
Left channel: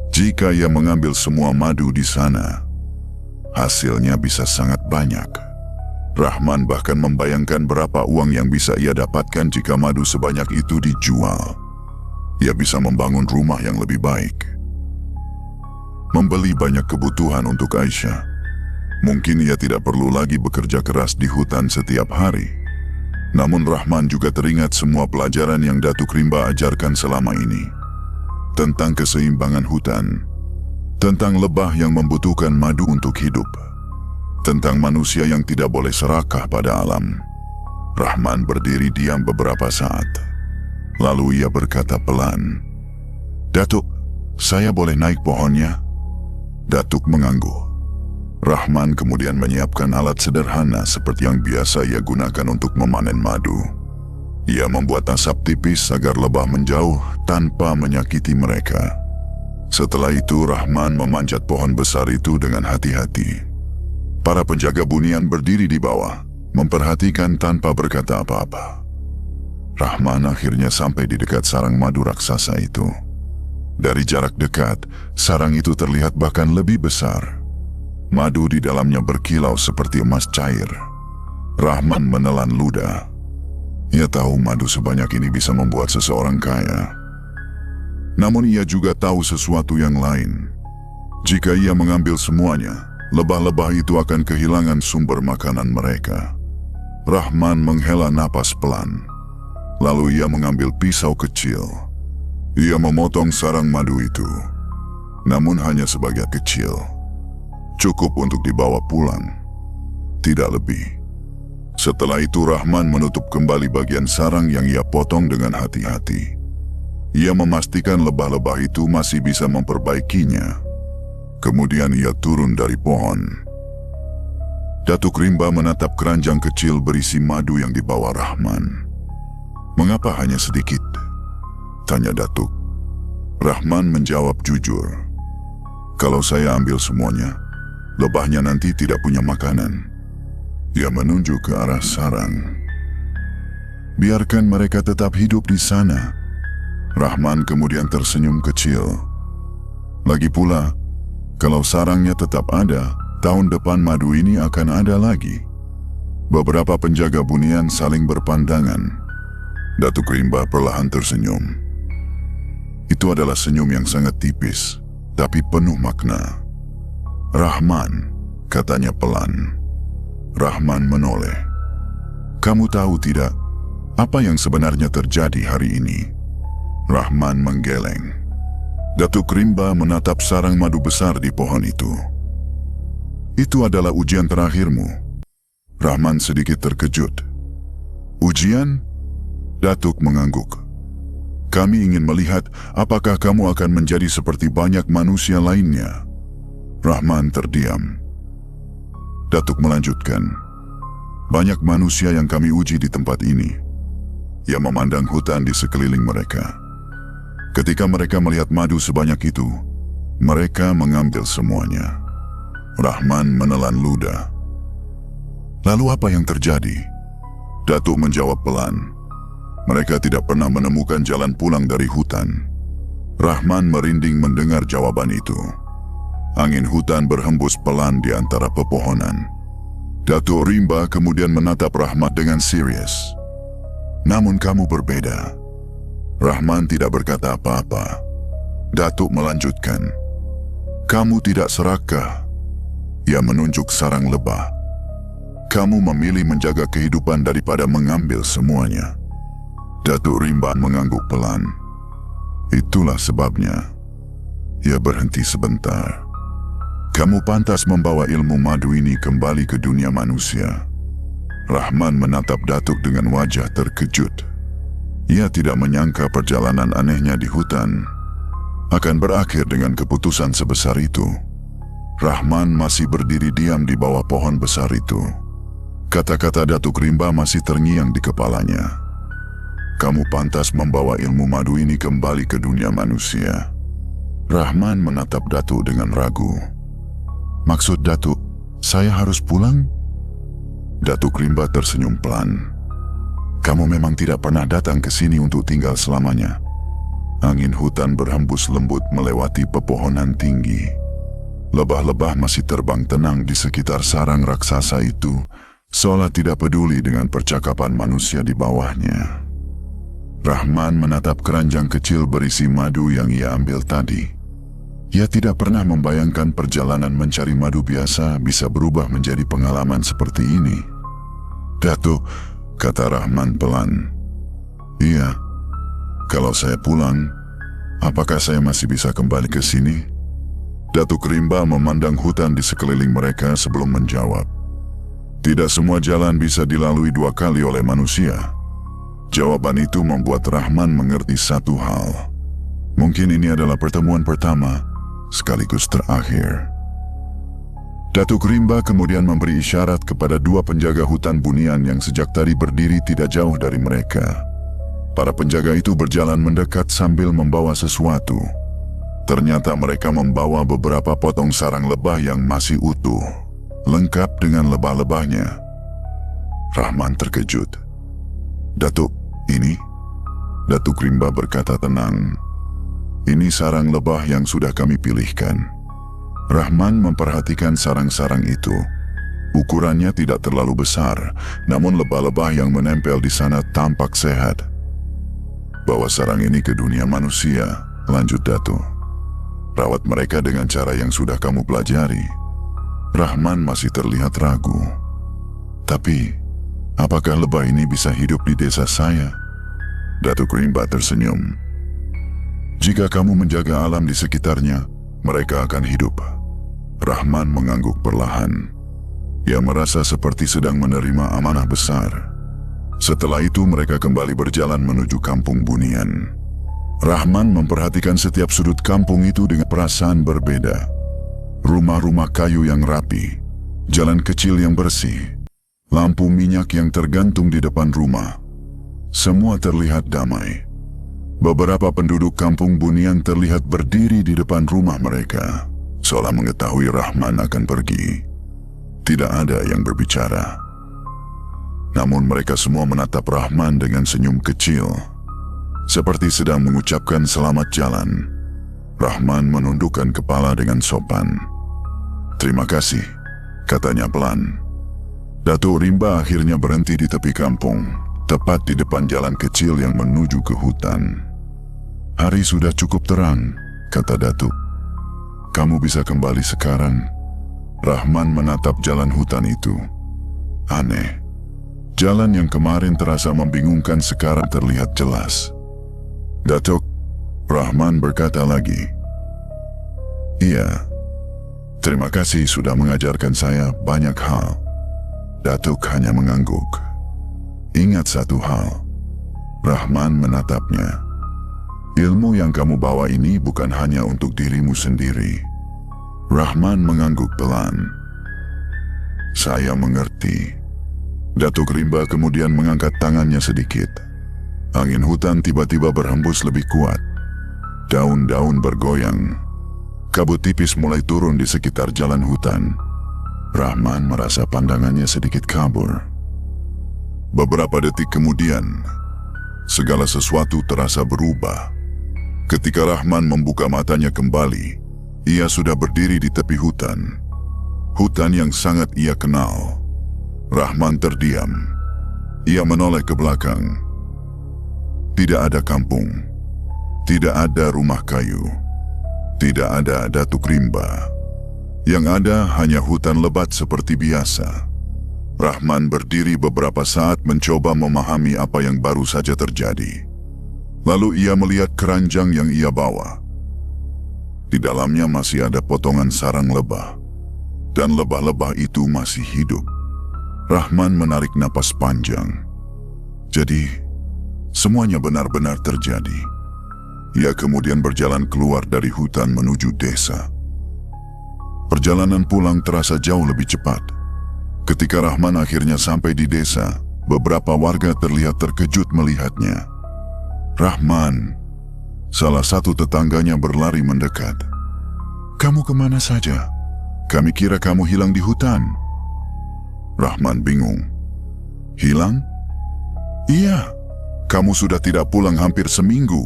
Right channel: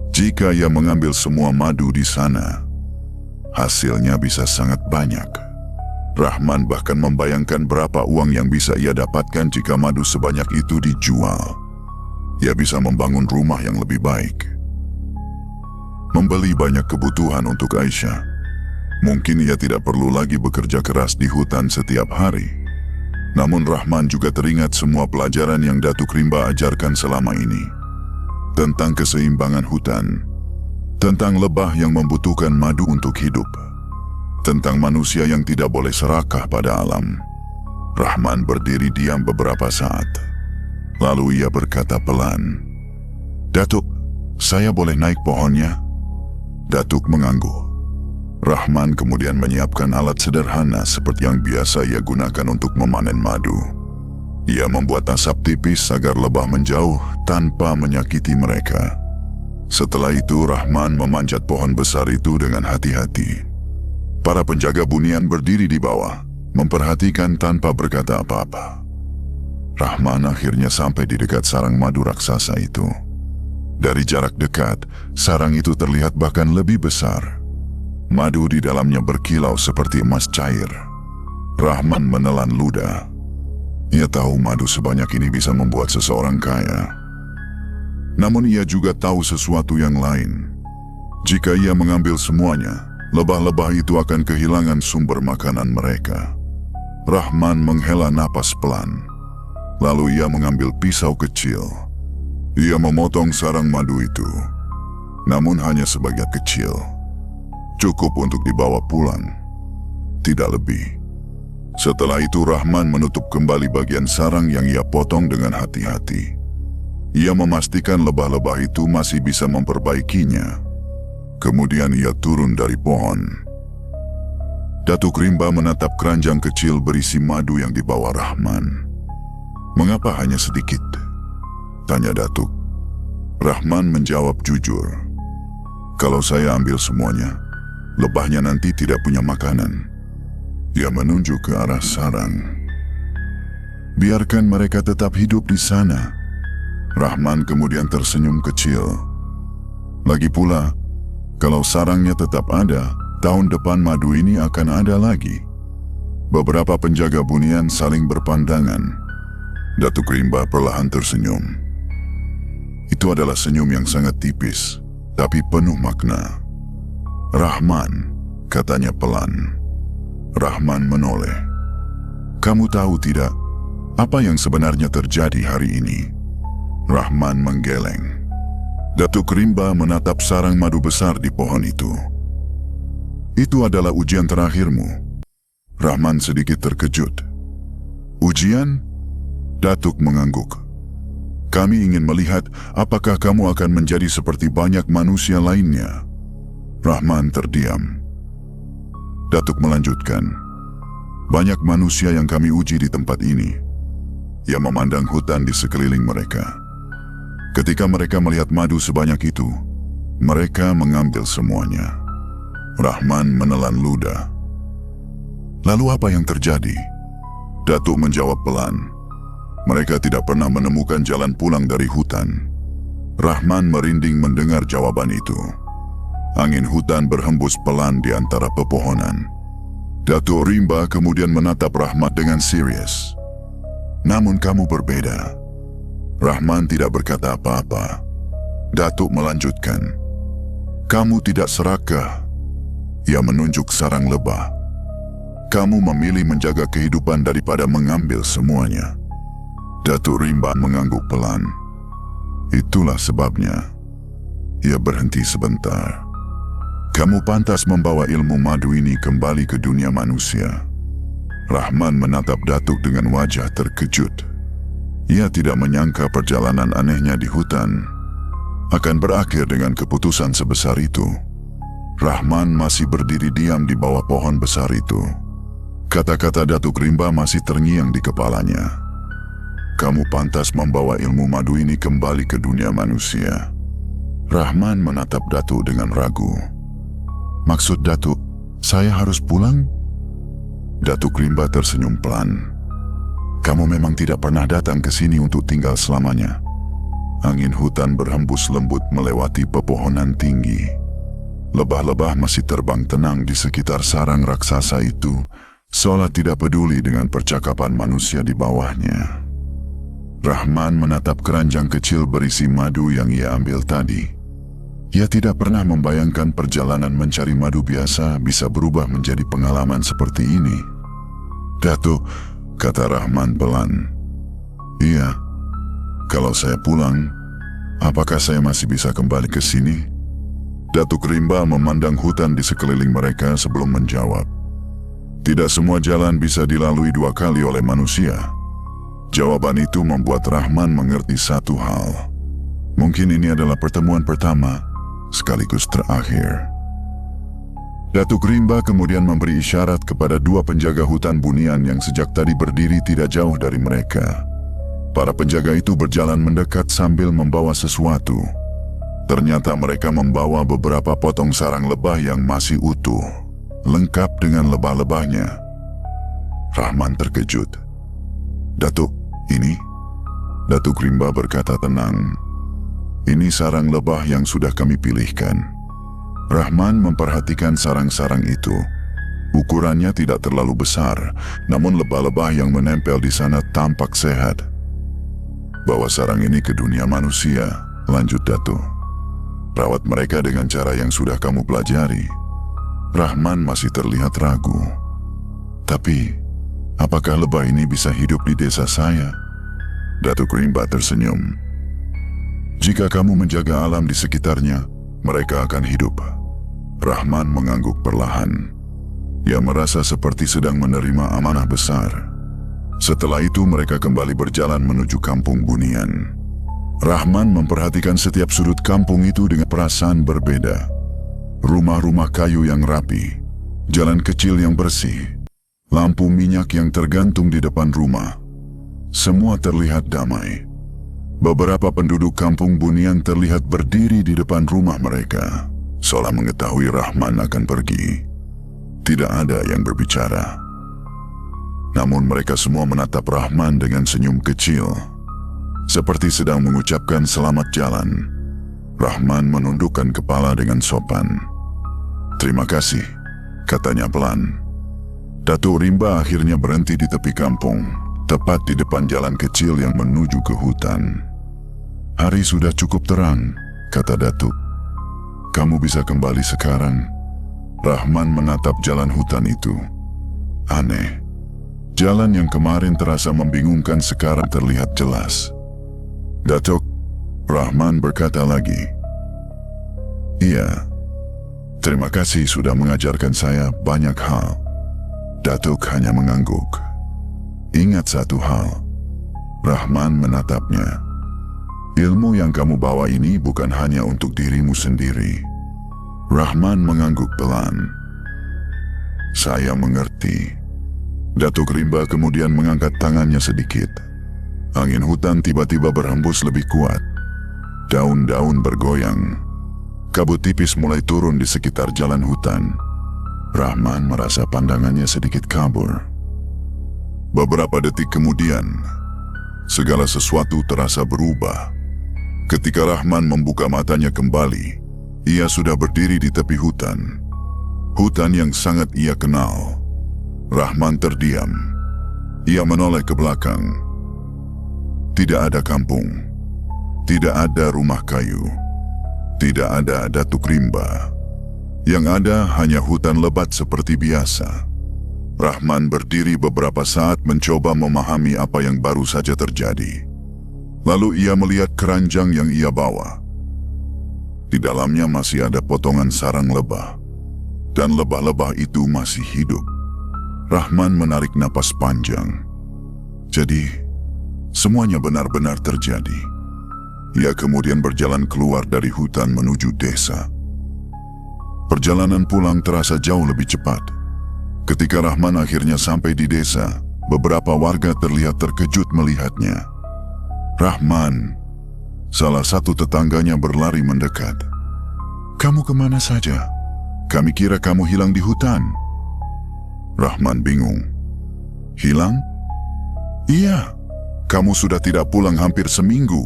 Jika ia mengambil semua madu di sana, hasilnya bisa sangat banyak. Rahman bahkan membayangkan berapa uang yang bisa ia dapatkan jika madu sebanyak itu dijual. Ia bisa membangun rumah yang lebih baik, membeli banyak kebutuhan untuk Aisyah. Mungkin ia tidak perlu lagi bekerja keras di hutan setiap hari. Namun Rahman juga teringat semua pelajaran yang Datuk Rimba ajarkan selama ini. Tentang keseimbangan hutan, tentang lebah yang membutuhkan madu untuk hidup, tentang manusia yang tidak boleh serakah pada alam. Rahman berdiri diam beberapa saat. Lalu ia berkata pelan, "Datuk, saya boleh naik pohonnya?" Datuk mengangguk. Rahman kemudian menyiapkan alat sederhana seperti yang biasa ia gunakan untuk memanen madu. Ia membuat asap tipis agar lebah menjauh tanpa menyakiti mereka. Setelah itu Rahman memanjat pohon besar itu dengan hati-hati. Para penjaga bunian berdiri di bawah, memperhatikan tanpa berkata apa-apa. Rahman akhirnya sampai di dekat sarang madu raksasa itu. Dari jarak dekat, sarang itu terlihat bahkan lebih besar. Madu di dalamnya berkilau seperti emas cair. Rahman menelan ludah. Ia tahu madu sebanyak ini bisa membuat seseorang kaya. Namun ia juga tahu sesuatu yang lain. Jika ia mengambil semuanya, lebah-lebah itu akan kehilangan sumber makanan mereka. Rahman menghela napas pelan. Lalu ia mengambil pisau kecil. Ia memotong sarang madu itu. Namun hanya sebagian kecil. Cukup untuk dibawa pulang. Tidak lebih. Setelah itu Rahman menutup kembali bagian sarang yang ia potong dengan hati-hati. Ia memastikan lebah-lebah itu masih bisa memperbaikinya. Kemudian ia turun dari pohon. Datuk Rimba menatap keranjang kecil berisi madu yang dibawa Rahman. Mengapa hanya sedikit? Tanya Datuk. Rahman menjawab jujur. Kalau saya ambil semuanya, lebahnya nanti tidak punya makanan. Ia menunjuk ke arah sarang. Biarkan mereka tetap hidup di sana. Rahman kemudian tersenyum kecil. Lagi pula, kalau sarangnya tetap ada, tahun depan madu ini akan ada lagi. Beberapa penjaga bunian saling berpandangan. Datuk Rimba perlahan tersenyum. Itu adalah senyum yang sangat tipis, tapi penuh makna. Rahman, katanya pelan. Rahman menoleh. Kamu tahu tidak, apa yang sebenarnya terjadi hari ini? Rahman menggeleng. Datuk Rimba menatap sarang madu besar di pohon itu. Itu adalah ujian terakhirmu. Rahman sedikit terkejut. Ujian? Datuk mengangguk. Kami ingin melihat apakah kamu akan menjadi seperti banyak manusia lainnya. Rahman terdiam. Datuk melanjutkan. Banyak manusia yang kami uji di tempat ini. Ia memandang hutan di sekeliling mereka. Ketika mereka melihat madu sebanyak itu, mereka mengambil semuanya. Rahman menelan ludah. Lalu apa yang terjadi? Datuk menjawab pelan. Mereka tidak pernah menemukan jalan pulang dari hutan. Rahman merinding mendengar jawaban itu. Angin hutan berhembus pelan di antara pepohonan. Datuk Rimba kemudian menatap Rahman dengan serius. Namun kamu berbeda. Rahman tidak berkata apa-apa. Datuk melanjutkan. Kamu tidak serakah. Ia menunjuk sarang lebah. Kamu memilih menjaga kehidupan daripada mengambil semuanya. Datuk Rimba mengangguk pelan. Itulah sebabnya. Ia berhenti sebentar. Kamu pantas membawa ilmu madu ini kembali ke dunia manusia. Rahman menatap Datuk dengan wajah terkejut. Ia tidak menyangka perjalanan anehnya di hutan akan berakhir dengan keputusan sebesar itu. Rahman masih berdiri diam di bawah pohon besar itu. Kata-kata Datuk Rimba masih terngiang di kepalanya. Kamu pantas membawa ilmu madu ini kembali ke dunia manusia. Rahman menatap Datuk dengan ragu. Maksud Datuk, saya harus pulang? Datuk Rimba tersenyum pelan. Kamu memang tidak pernah datang ke sini untuk tinggal selamanya. Angin hutan berhembus lembut melewati pepohonan tinggi. Lebah-lebah masih terbang tenang di sekitar sarang raksasa itu, seolah tidak peduli dengan percakapan manusia di bawahnya. Rahman menatap keranjang kecil berisi madu yang ia ambil tadi. Ia tidak pernah membayangkan perjalanan mencari madu biasa bisa berubah menjadi pengalaman seperti ini. Datuk, kata Rahman pelan. Iya, kalau saya pulang, apakah saya masih bisa kembali ke sini? Datuk Rimba memandang hutan di sekeliling mereka sebelum menjawab. Tidak semua jalan bisa dilalui dua kali oleh manusia. Jawaban itu membuat Rahman mengerti satu hal. Mungkin ini adalah pertemuan pertama, sekaligus terakhir. Datuk Rimba kemudian memberi isyarat kepada dua penjaga hutan bunian yang sejak tadi berdiri tidak jauh dari mereka. Para penjaga itu berjalan mendekat sambil membawa sesuatu. Ternyata mereka membawa beberapa potong sarang lebah yang masih utuh, lengkap dengan lebah-lebahnya. Rahman terkejut. Datuk, ini? Datuk Rimba berkata tenang. Ini sarang lebah yang sudah kami pilihkan. Rahman memperhatikan sarang-sarang itu. Ukurannya tidak terlalu besar, namun lebah-lebah yang menempel di sana tampak sehat. Bawa sarang ini ke dunia manusia, lanjut Datuk. Rawat mereka dengan cara yang sudah kamu pelajari. Rahman masih terlihat ragu. Tapi, apakah lebah ini bisa hidup di desa saya? Datuk Rimba tersenyum. Jika kamu menjaga alam di sekitarnya, mereka akan hidup. Rahman mengangguk perlahan. Ia merasa seperti sedang menerima amanah besar. Setelah itu mereka kembali berjalan menuju kampung bunian. Rahman memperhatikan setiap sudut kampung itu dengan perasaan berbeda. Rumah-rumah kayu yang rapi, jalan kecil yang bersih, lampu minyak yang tergantung di depan rumah. Semua terlihat damai. Beberapa penduduk kampung Bunian terlihat berdiri di depan rumah mereka, seolah mengetahui Rahman akan pergi. Tidak ada yang berbicara. Namun mereka semua menatap Rahman dengan senyum kecil, seperti sedang mengucapkan selamat jalan. Rahman menundukkan kepala dengan sopan. "Terima kasih," katanya pelan. Datuk Rimba akhirnya berhenti di tepi kampung, tepat di depan jalan kecil yang menuju ke hutan. "Hari sudah cukup terang," kata Datuk. "Kamu bisa kembali sekarang." Rahman menatap jalan hutan itu. Aneh. Jalan yang kemarin terasa membingungkan sekarang terlihat jelas. "Datuk," Rahman berkata lagi. "Iya. Terima kasih sudah mengajarkan saya banyak hal." Datuk hanya mengangguk. "Ingat satu hal." Rahman menatapnya. "Ilmu yang kamu bawa ini bukan hanya untuk dirimu sendiri." Rahman mengangguk pelan. "Saya mengerti." Datuk Rimba kemudian mengangkat tangannya sedikit. Angin hutan tiba-tiba berhembus lebih kuat. Daun-daun bergoyang. Kabut tipis mulai turun di sekitar jalan hutan. Rahman merasa pandangannya sedikit kabur. Beberapa detik kemudian, segala sesuatu terasa berubah. Ketika Rahman membuka matanya kembali, ia sudah berdiri di tepi hutan. Hutan yang sangat ia kenal. Rahman terdiam. Ia menoleh ke belakang. Tidak ada kampung. Tidak ada rumah kayu. Tidak ada Datuk Rimba. Yang ada hanya hutan lebat seperti biasa. Rahman berdiri beberapa saat mencoba memahami apa yang baru saja terjadi. Lalu ia melihat keranjang yang ia bawa. Di dalamnya masih ada potongan sarang lebah. Dan lebah-lebah itu masih hidup. Rahman menarik napas panjang. Jadi, semuanya benar-benar terjadi. Ia kemudian berjalan keluar dari hutan menuju desa. Perjalanan pulang terasa jauh lebih cepat. Ketika Rahman akhirnya sampai di desa, beberapa warga terlihat terkejut melihatnya. "Rahman," salah satu tetangganya berlari mendekat. "Kamu kemana saja? Kami kira kamu hilang di hutan." Rahman bingung. "Hilang?" "Iya, kamu sudah tidak pulang hampir seminggu."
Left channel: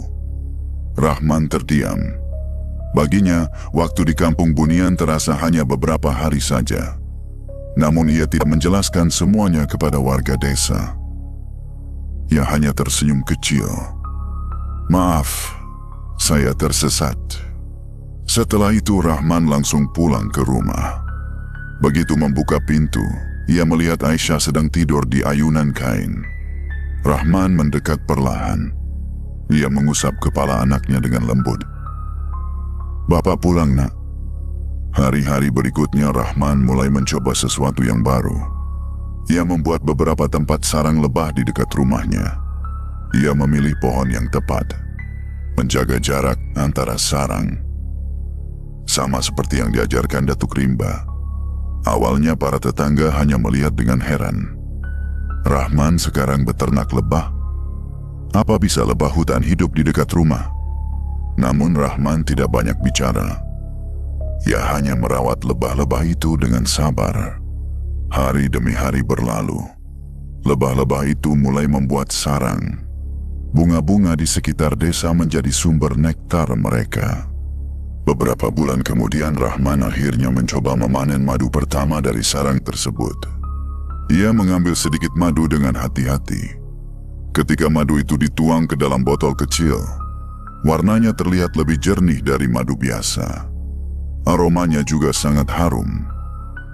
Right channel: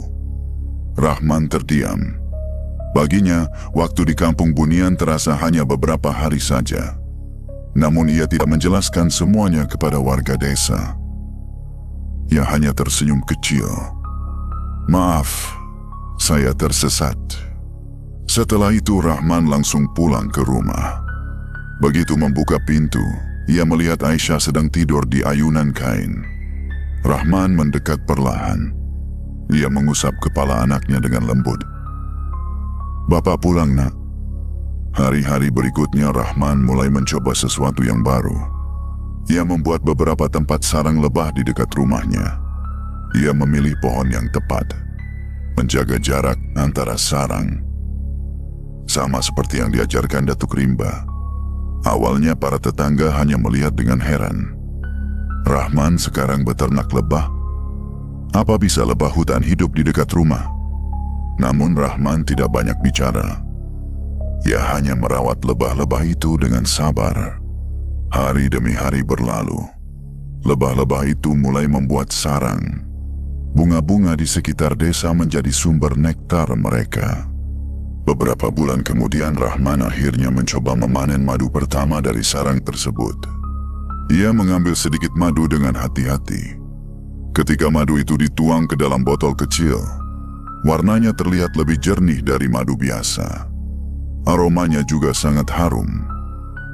Rahman terdiam. Baginya, waktu di kampung Bunian terasa hanya beberapa hari saja. Namun ia tidak menjelaskan semuanya kepada warga desa. Ia hanya tersenyum kecil. "Maaf, saya tersesat." Setelah itu Rahman langsung pulang ke rumah. Begitu membuka pintu, ia melihat Aisyah sedang tidur di ayunan kain. Rahman mendekat perlahan. Ia mengusap kepala anaknya dengan lembut. "Bapak pulang, Nak." Hari-hari berikutnya Rahman mulai mencoba sesuatu yang baru. Ia membuat beberapa tempat sarang lebah di dekat rumahnya. Ia memilih pohon yang tepat, menjaga jarak antara sarang. Sama seperti yang diajarkan Datuk Rimba. Awalnya para tetangga hanya melihat dengan heran. Rahman sekarang beternak lebah? Apa bisa lebah hutan hidup di dekat rumah? Namun Rahman tidak banyak bicara. Ia hanya merawat lebah-lebah itu dengan sabar. Hari demi hari berlalu. Lebah-lebah itu mulai membuat sarang. Bunga-bunga di sekitar desa menjadi sumber nektar mereka. Beberapa bulan kemudian Rahman akhirnya mencoba memanen madu pertama dari sarang tersebut. Ia mengambil sedikit madu dengan hati-hati. Ketika madu itu dituang ke dalam botol kecil, warnanya terlihat lebih jernih dari madu biasa. Aromanya juga sangat harum.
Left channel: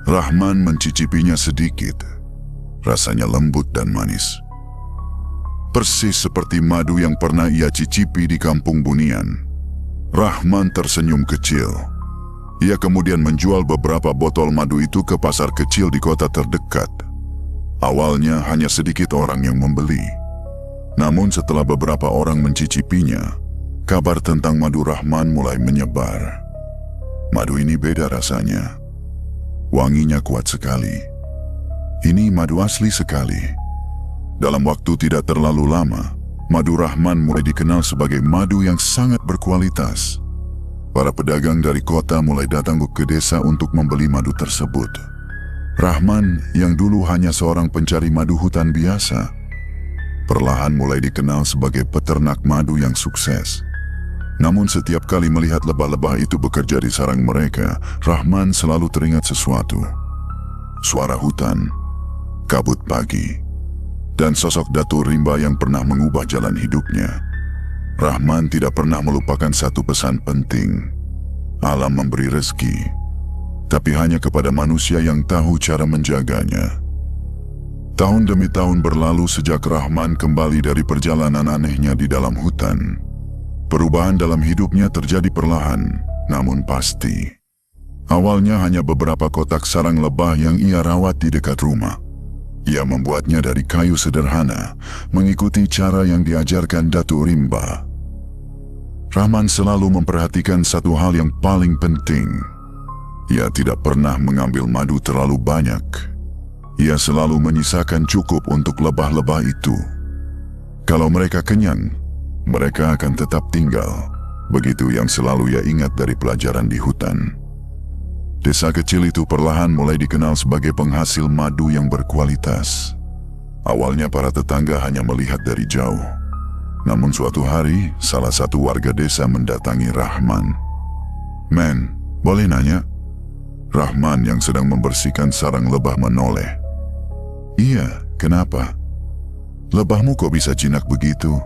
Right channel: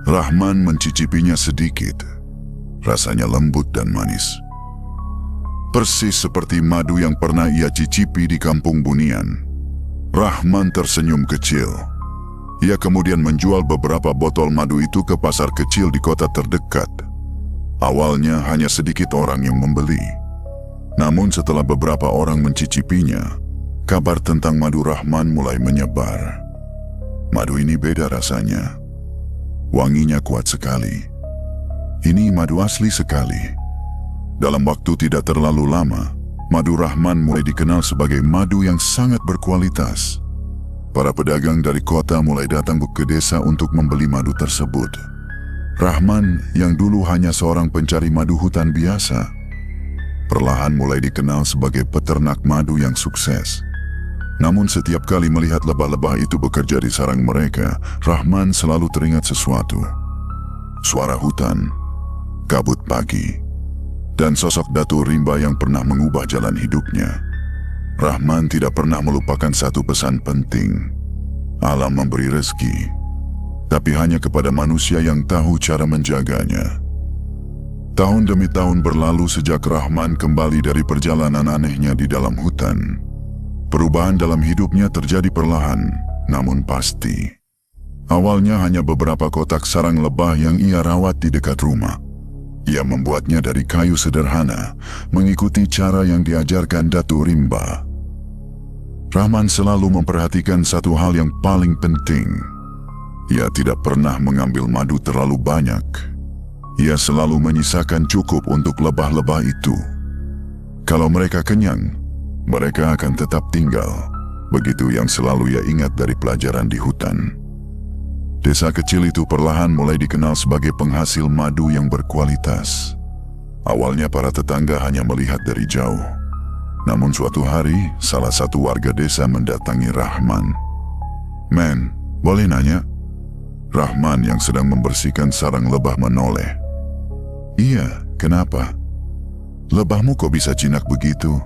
Rahman mencicipinya sedikit. Rasanya lembut dan manis. Persis seperti madu yang pernah ia cicipi di kampung Bunian. Rahman tersenyum kecil. Ia kemudian menjual beberapa botol madu itu ke pasar kecil di kota terdekat. Awalnya hanya sedikit orang yang membeli. Namun setelah beberapa orang mencicipinya, kabar tentang madu Rahman mulai menyebar. Madu ini beda rasanya. Wanginya kuat sekali. Ini madu asli sekali. Dalam waktu tidak terlalu lama, Madu Rahman mulai dikenal sebagai madu yang sangat berkualitas. Para pedagang dari kota mulai datang ke desa untuk membeli madu tersebut. Rahman yang dulu hanya seorang pencari madu hutan biasa, perlahan mulai dikenal sebagai peternak madu yang sukses. Namun setiap kali melihat lebah-lebah itu bekerja di sarang mereka, Rahman selalu teringat sesuatu. Suara hutan, kabut pagi, dan sosok Datuk Rimba yang pernah mengubah jalan hidupnya. Rahman tidak pernah melupakan satu pesan penting. Alam memberi rezeki, tapi hanya kepada manusia yang tahu cara menjaganya. Tahun demi tahun berlalu sejak Rahman kembali dari perjalanan anehnya di dalam hutan. Perubahan dalam hidupnya terjadi perlahan, namun pasti. Awalnya hanya beberapa kotak sarang lebah yang ia rawat di dekat rumah. Ia membuatnya dari kayu sederhana, mengikuti cara yang diajarkan Datuk Rimba. Rahman selalu memperhatikan satu hal yang paling penting. Ia tidak pernah mengambil madu terlalu banyak. Ia selalu menyisakan cukup untuk lebah-lebah itu. Kalau mereka kenyang, mereka akan tetap tinggal. Begitu yang selalu ia ingat dari pelajaran di hutan. Desa kecil itu perlahan mulai dikenal sebagai penghasil madu yang berkualitas. Awalnya para tetangga hanya melihat dari jauh. Namun suatu hari, salah satu warga desa mendatangi Rahman. "Men, boleh nanya?" Rahman yang sedang membersihkan sarang lebah menoleh. "Iya, kenapa?" "Lebahmu kok bisa jinak begitu?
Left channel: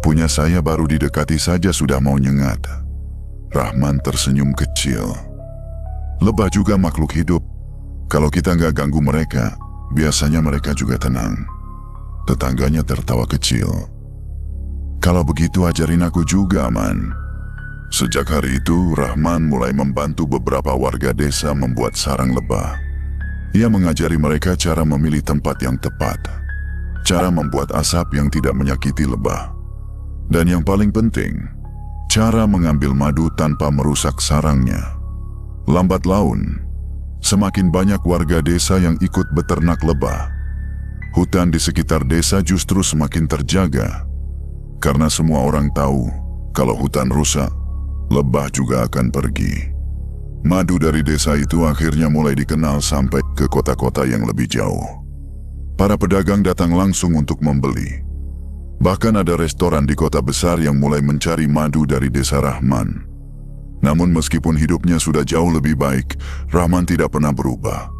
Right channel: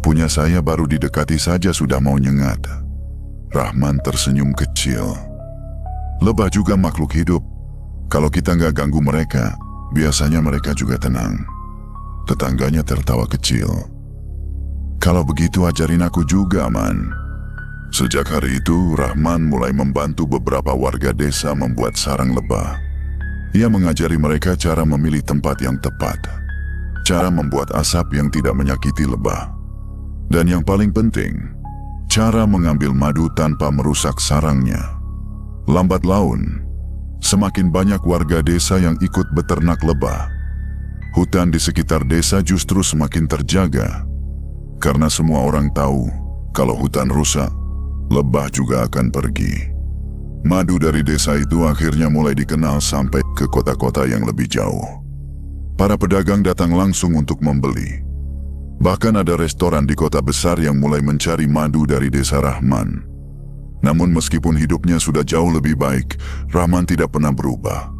Punya saya baru didekati saja sudah mau nyengat." Rahman tersenyum kecil. "Lebah juga makhluk hidup. Kalau kita nggak ganggu mereka, biasanya mereka juga tenang." Tetangganya tertawa kecil. "Kalau begitu ajarin aku juga, Man." Sejak hari itu, Rahman mulai membantu beberapa warga desa membuat sarang lebah. Ia mengajari mereka cara memilih tempat yang tepat, cara membuat asap yang tidak menyakiti lebah, dan yang paling penting, cara mengambil madu tanpa merusak sarangnya. Lambat laun, semakin banyak warga desa yang ikut beternak lebah. Hutan di sekitar desa justru semakin terjaga, karena semua orang tahu kalau hutan rusak, lebah juga akan pergi. Madu dari desa itu akhirnya mulai dikenal sampai ke kota-kota yang lebih jauh. Para pedagang datang langsung untuk membeli. Bahkan ada restoran di kota besar yang mulai mencari madu dari desa Rahman. Namun meskipun hidupnya sudah jauh lebih baik, Rahman tidak pernah berubah.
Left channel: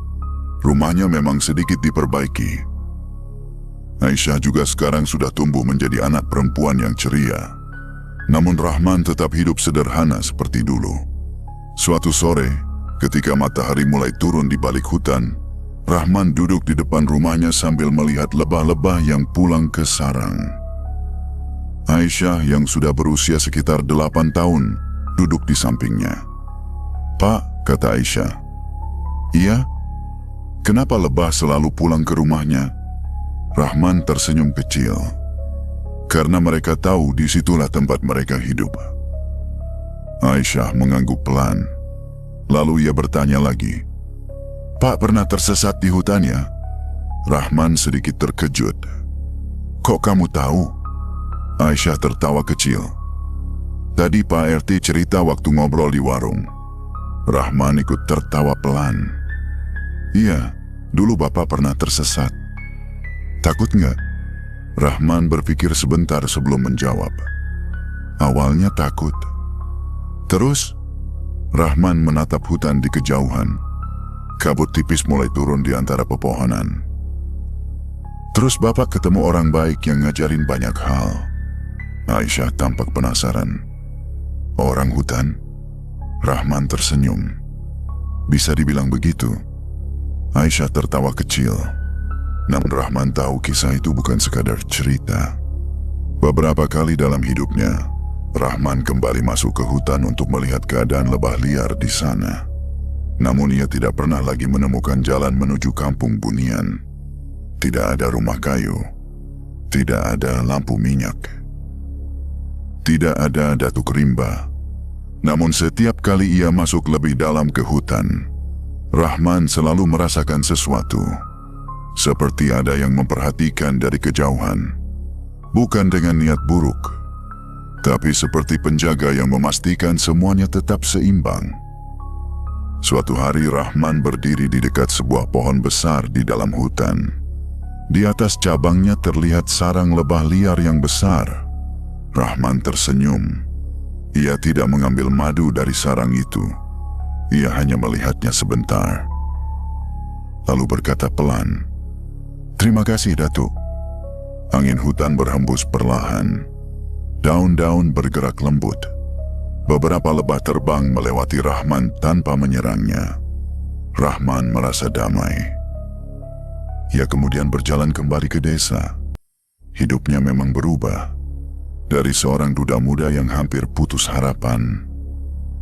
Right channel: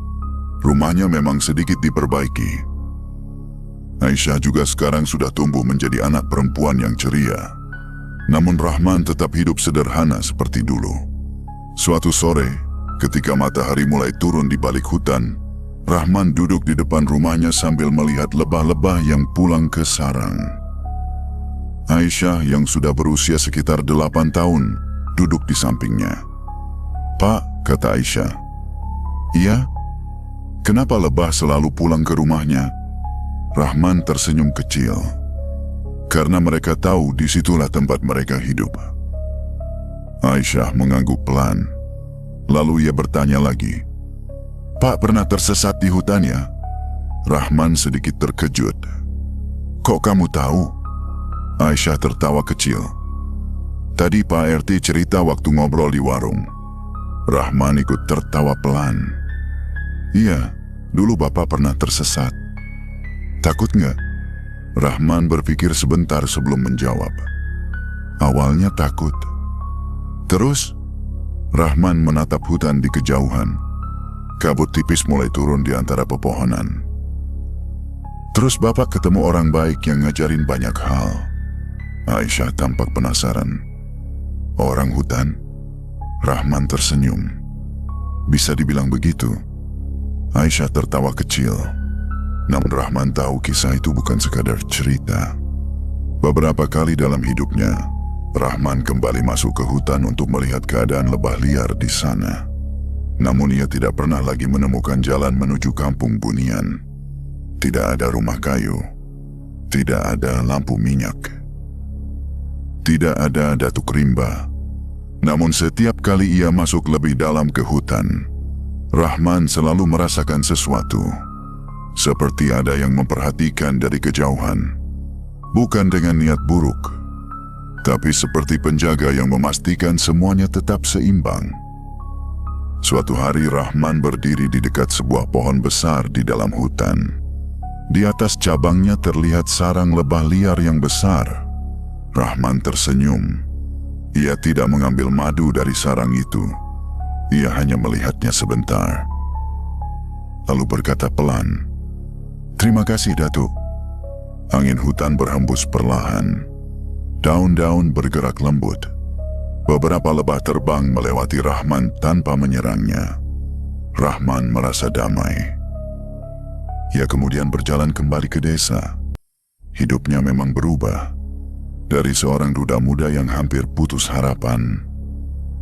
Rumahnya memang sedikit diperbaiki. Aisyah juga sekarang sudah tumbuh menjadi anak perempuan yang ceria. Namun Rahman tetap hidup sederhana seperti dulu. Suatu sore, ketika matahari mulai turun di balik hutan, Rahman duduk di depan rumahnya sambil melihat lebah-lebah yang pulang ke sarang. Aisyah yang sudah berusia sekitar 8 tahun, duduk di sampingnya. "Pak," kata Aisyah. "Iya? Kenapa lebah selalu pulang ke rumahnya?" Rahman tersenyum kecil. "Karena mereka tahu disitulah tempat mereka hidup." Aisyah mengangguk pelan. Lalu ia bertanya lagi, "Pak pernah tersesat di hutan ya?" Rahman sedikit terkejut. "Kok kamu tahu?" Aisyah tertawa kecil. "Tadi Pak RT cerita waktu ngobrol di warung." Rahman ikut tertawa pelan. "Iya, dulu Bapak pernah tersesat." "Takut nggak?" Rahman berpikir sebentar sebelum menjawab. "Awalnya takut. Terus?" Rahman menatap hutan di kejauhan. Kabut tipis mulai turun di antara pepohonan. "Terus Bapak ketemu orang baik yang ngajarin banyak hal." Aisyah tampak penasaran. "Orang hutan?" Rahman tersenyum. "Bisa dibilang begitu." Aisyah tertawa kecil. Namun Rahman tahu kisah itu bukan sekadar cerita. Beberapa kali dalam hidupnya, Rahman kembali masuk ke hutan untuk melihat keadaan lebah liar di sana. Namun ia tidak pernah lagi menemukan jalan menuju kampung Bunian. Tidak ada rumah kayu. Tidak ada lampu minyak. Tidak ada Datuk Rimba. Namun setiap kali ia masuk lebih dalam ke hutan, Rahman selalu merasakan sesuatu. Seperti ada yang memperhatikan dari kejauhan. Bukan dengan niat buruk, tapi seperti penjaga yang memastikan semuanya tetap seimbang. Suatu hari Rahman berdiri di dekat sebuah pohon besar di dalam hutan. Di atas cabangnya terlihat sarang lebah liar yang besar. Rahman tersenyum. Ia tidak mengambil madu dari sarang itu. Ia hanya melihatnya sebentar. Lalu berkata pelan, "Terima kasih, Datuk." Angin hutan berhembus perlahan. Daun-daun bergerak lembut. Beberapa lebah terbang melewati Rahman tanpa menyerangnya. Rahman merasa damai. Ia kemudian berjalan kembali ke desa. Hidupnya memang berubah. Dari seorang duda muda yang hampir putus harapan,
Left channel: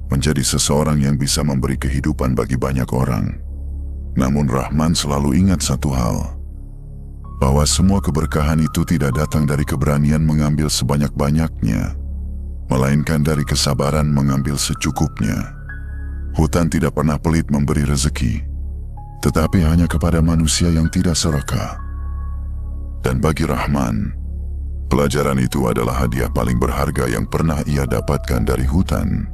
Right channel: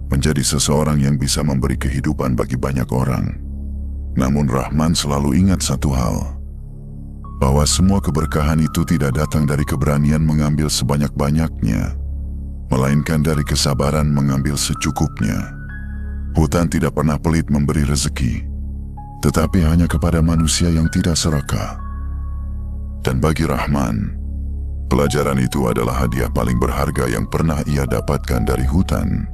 menjadi seseorang yang bisa memberi kehidupan bagi banyak orang. Namun Rahman selalu ingat satu hal, bahwa semua keberkahan itu tidak datang dari keberanian mengambil sebanyak-banyaknya, melainkan dari kesabaran mengambil secukupnya. Hutan tidak pernah pelit memberi rezeki, tetapi hanya kepada manusia yang tidak serakah. Dan bagi Rahman, pelajaran itu adalah hadiah paling berharga yang pernah ia dapatkan dari hutan.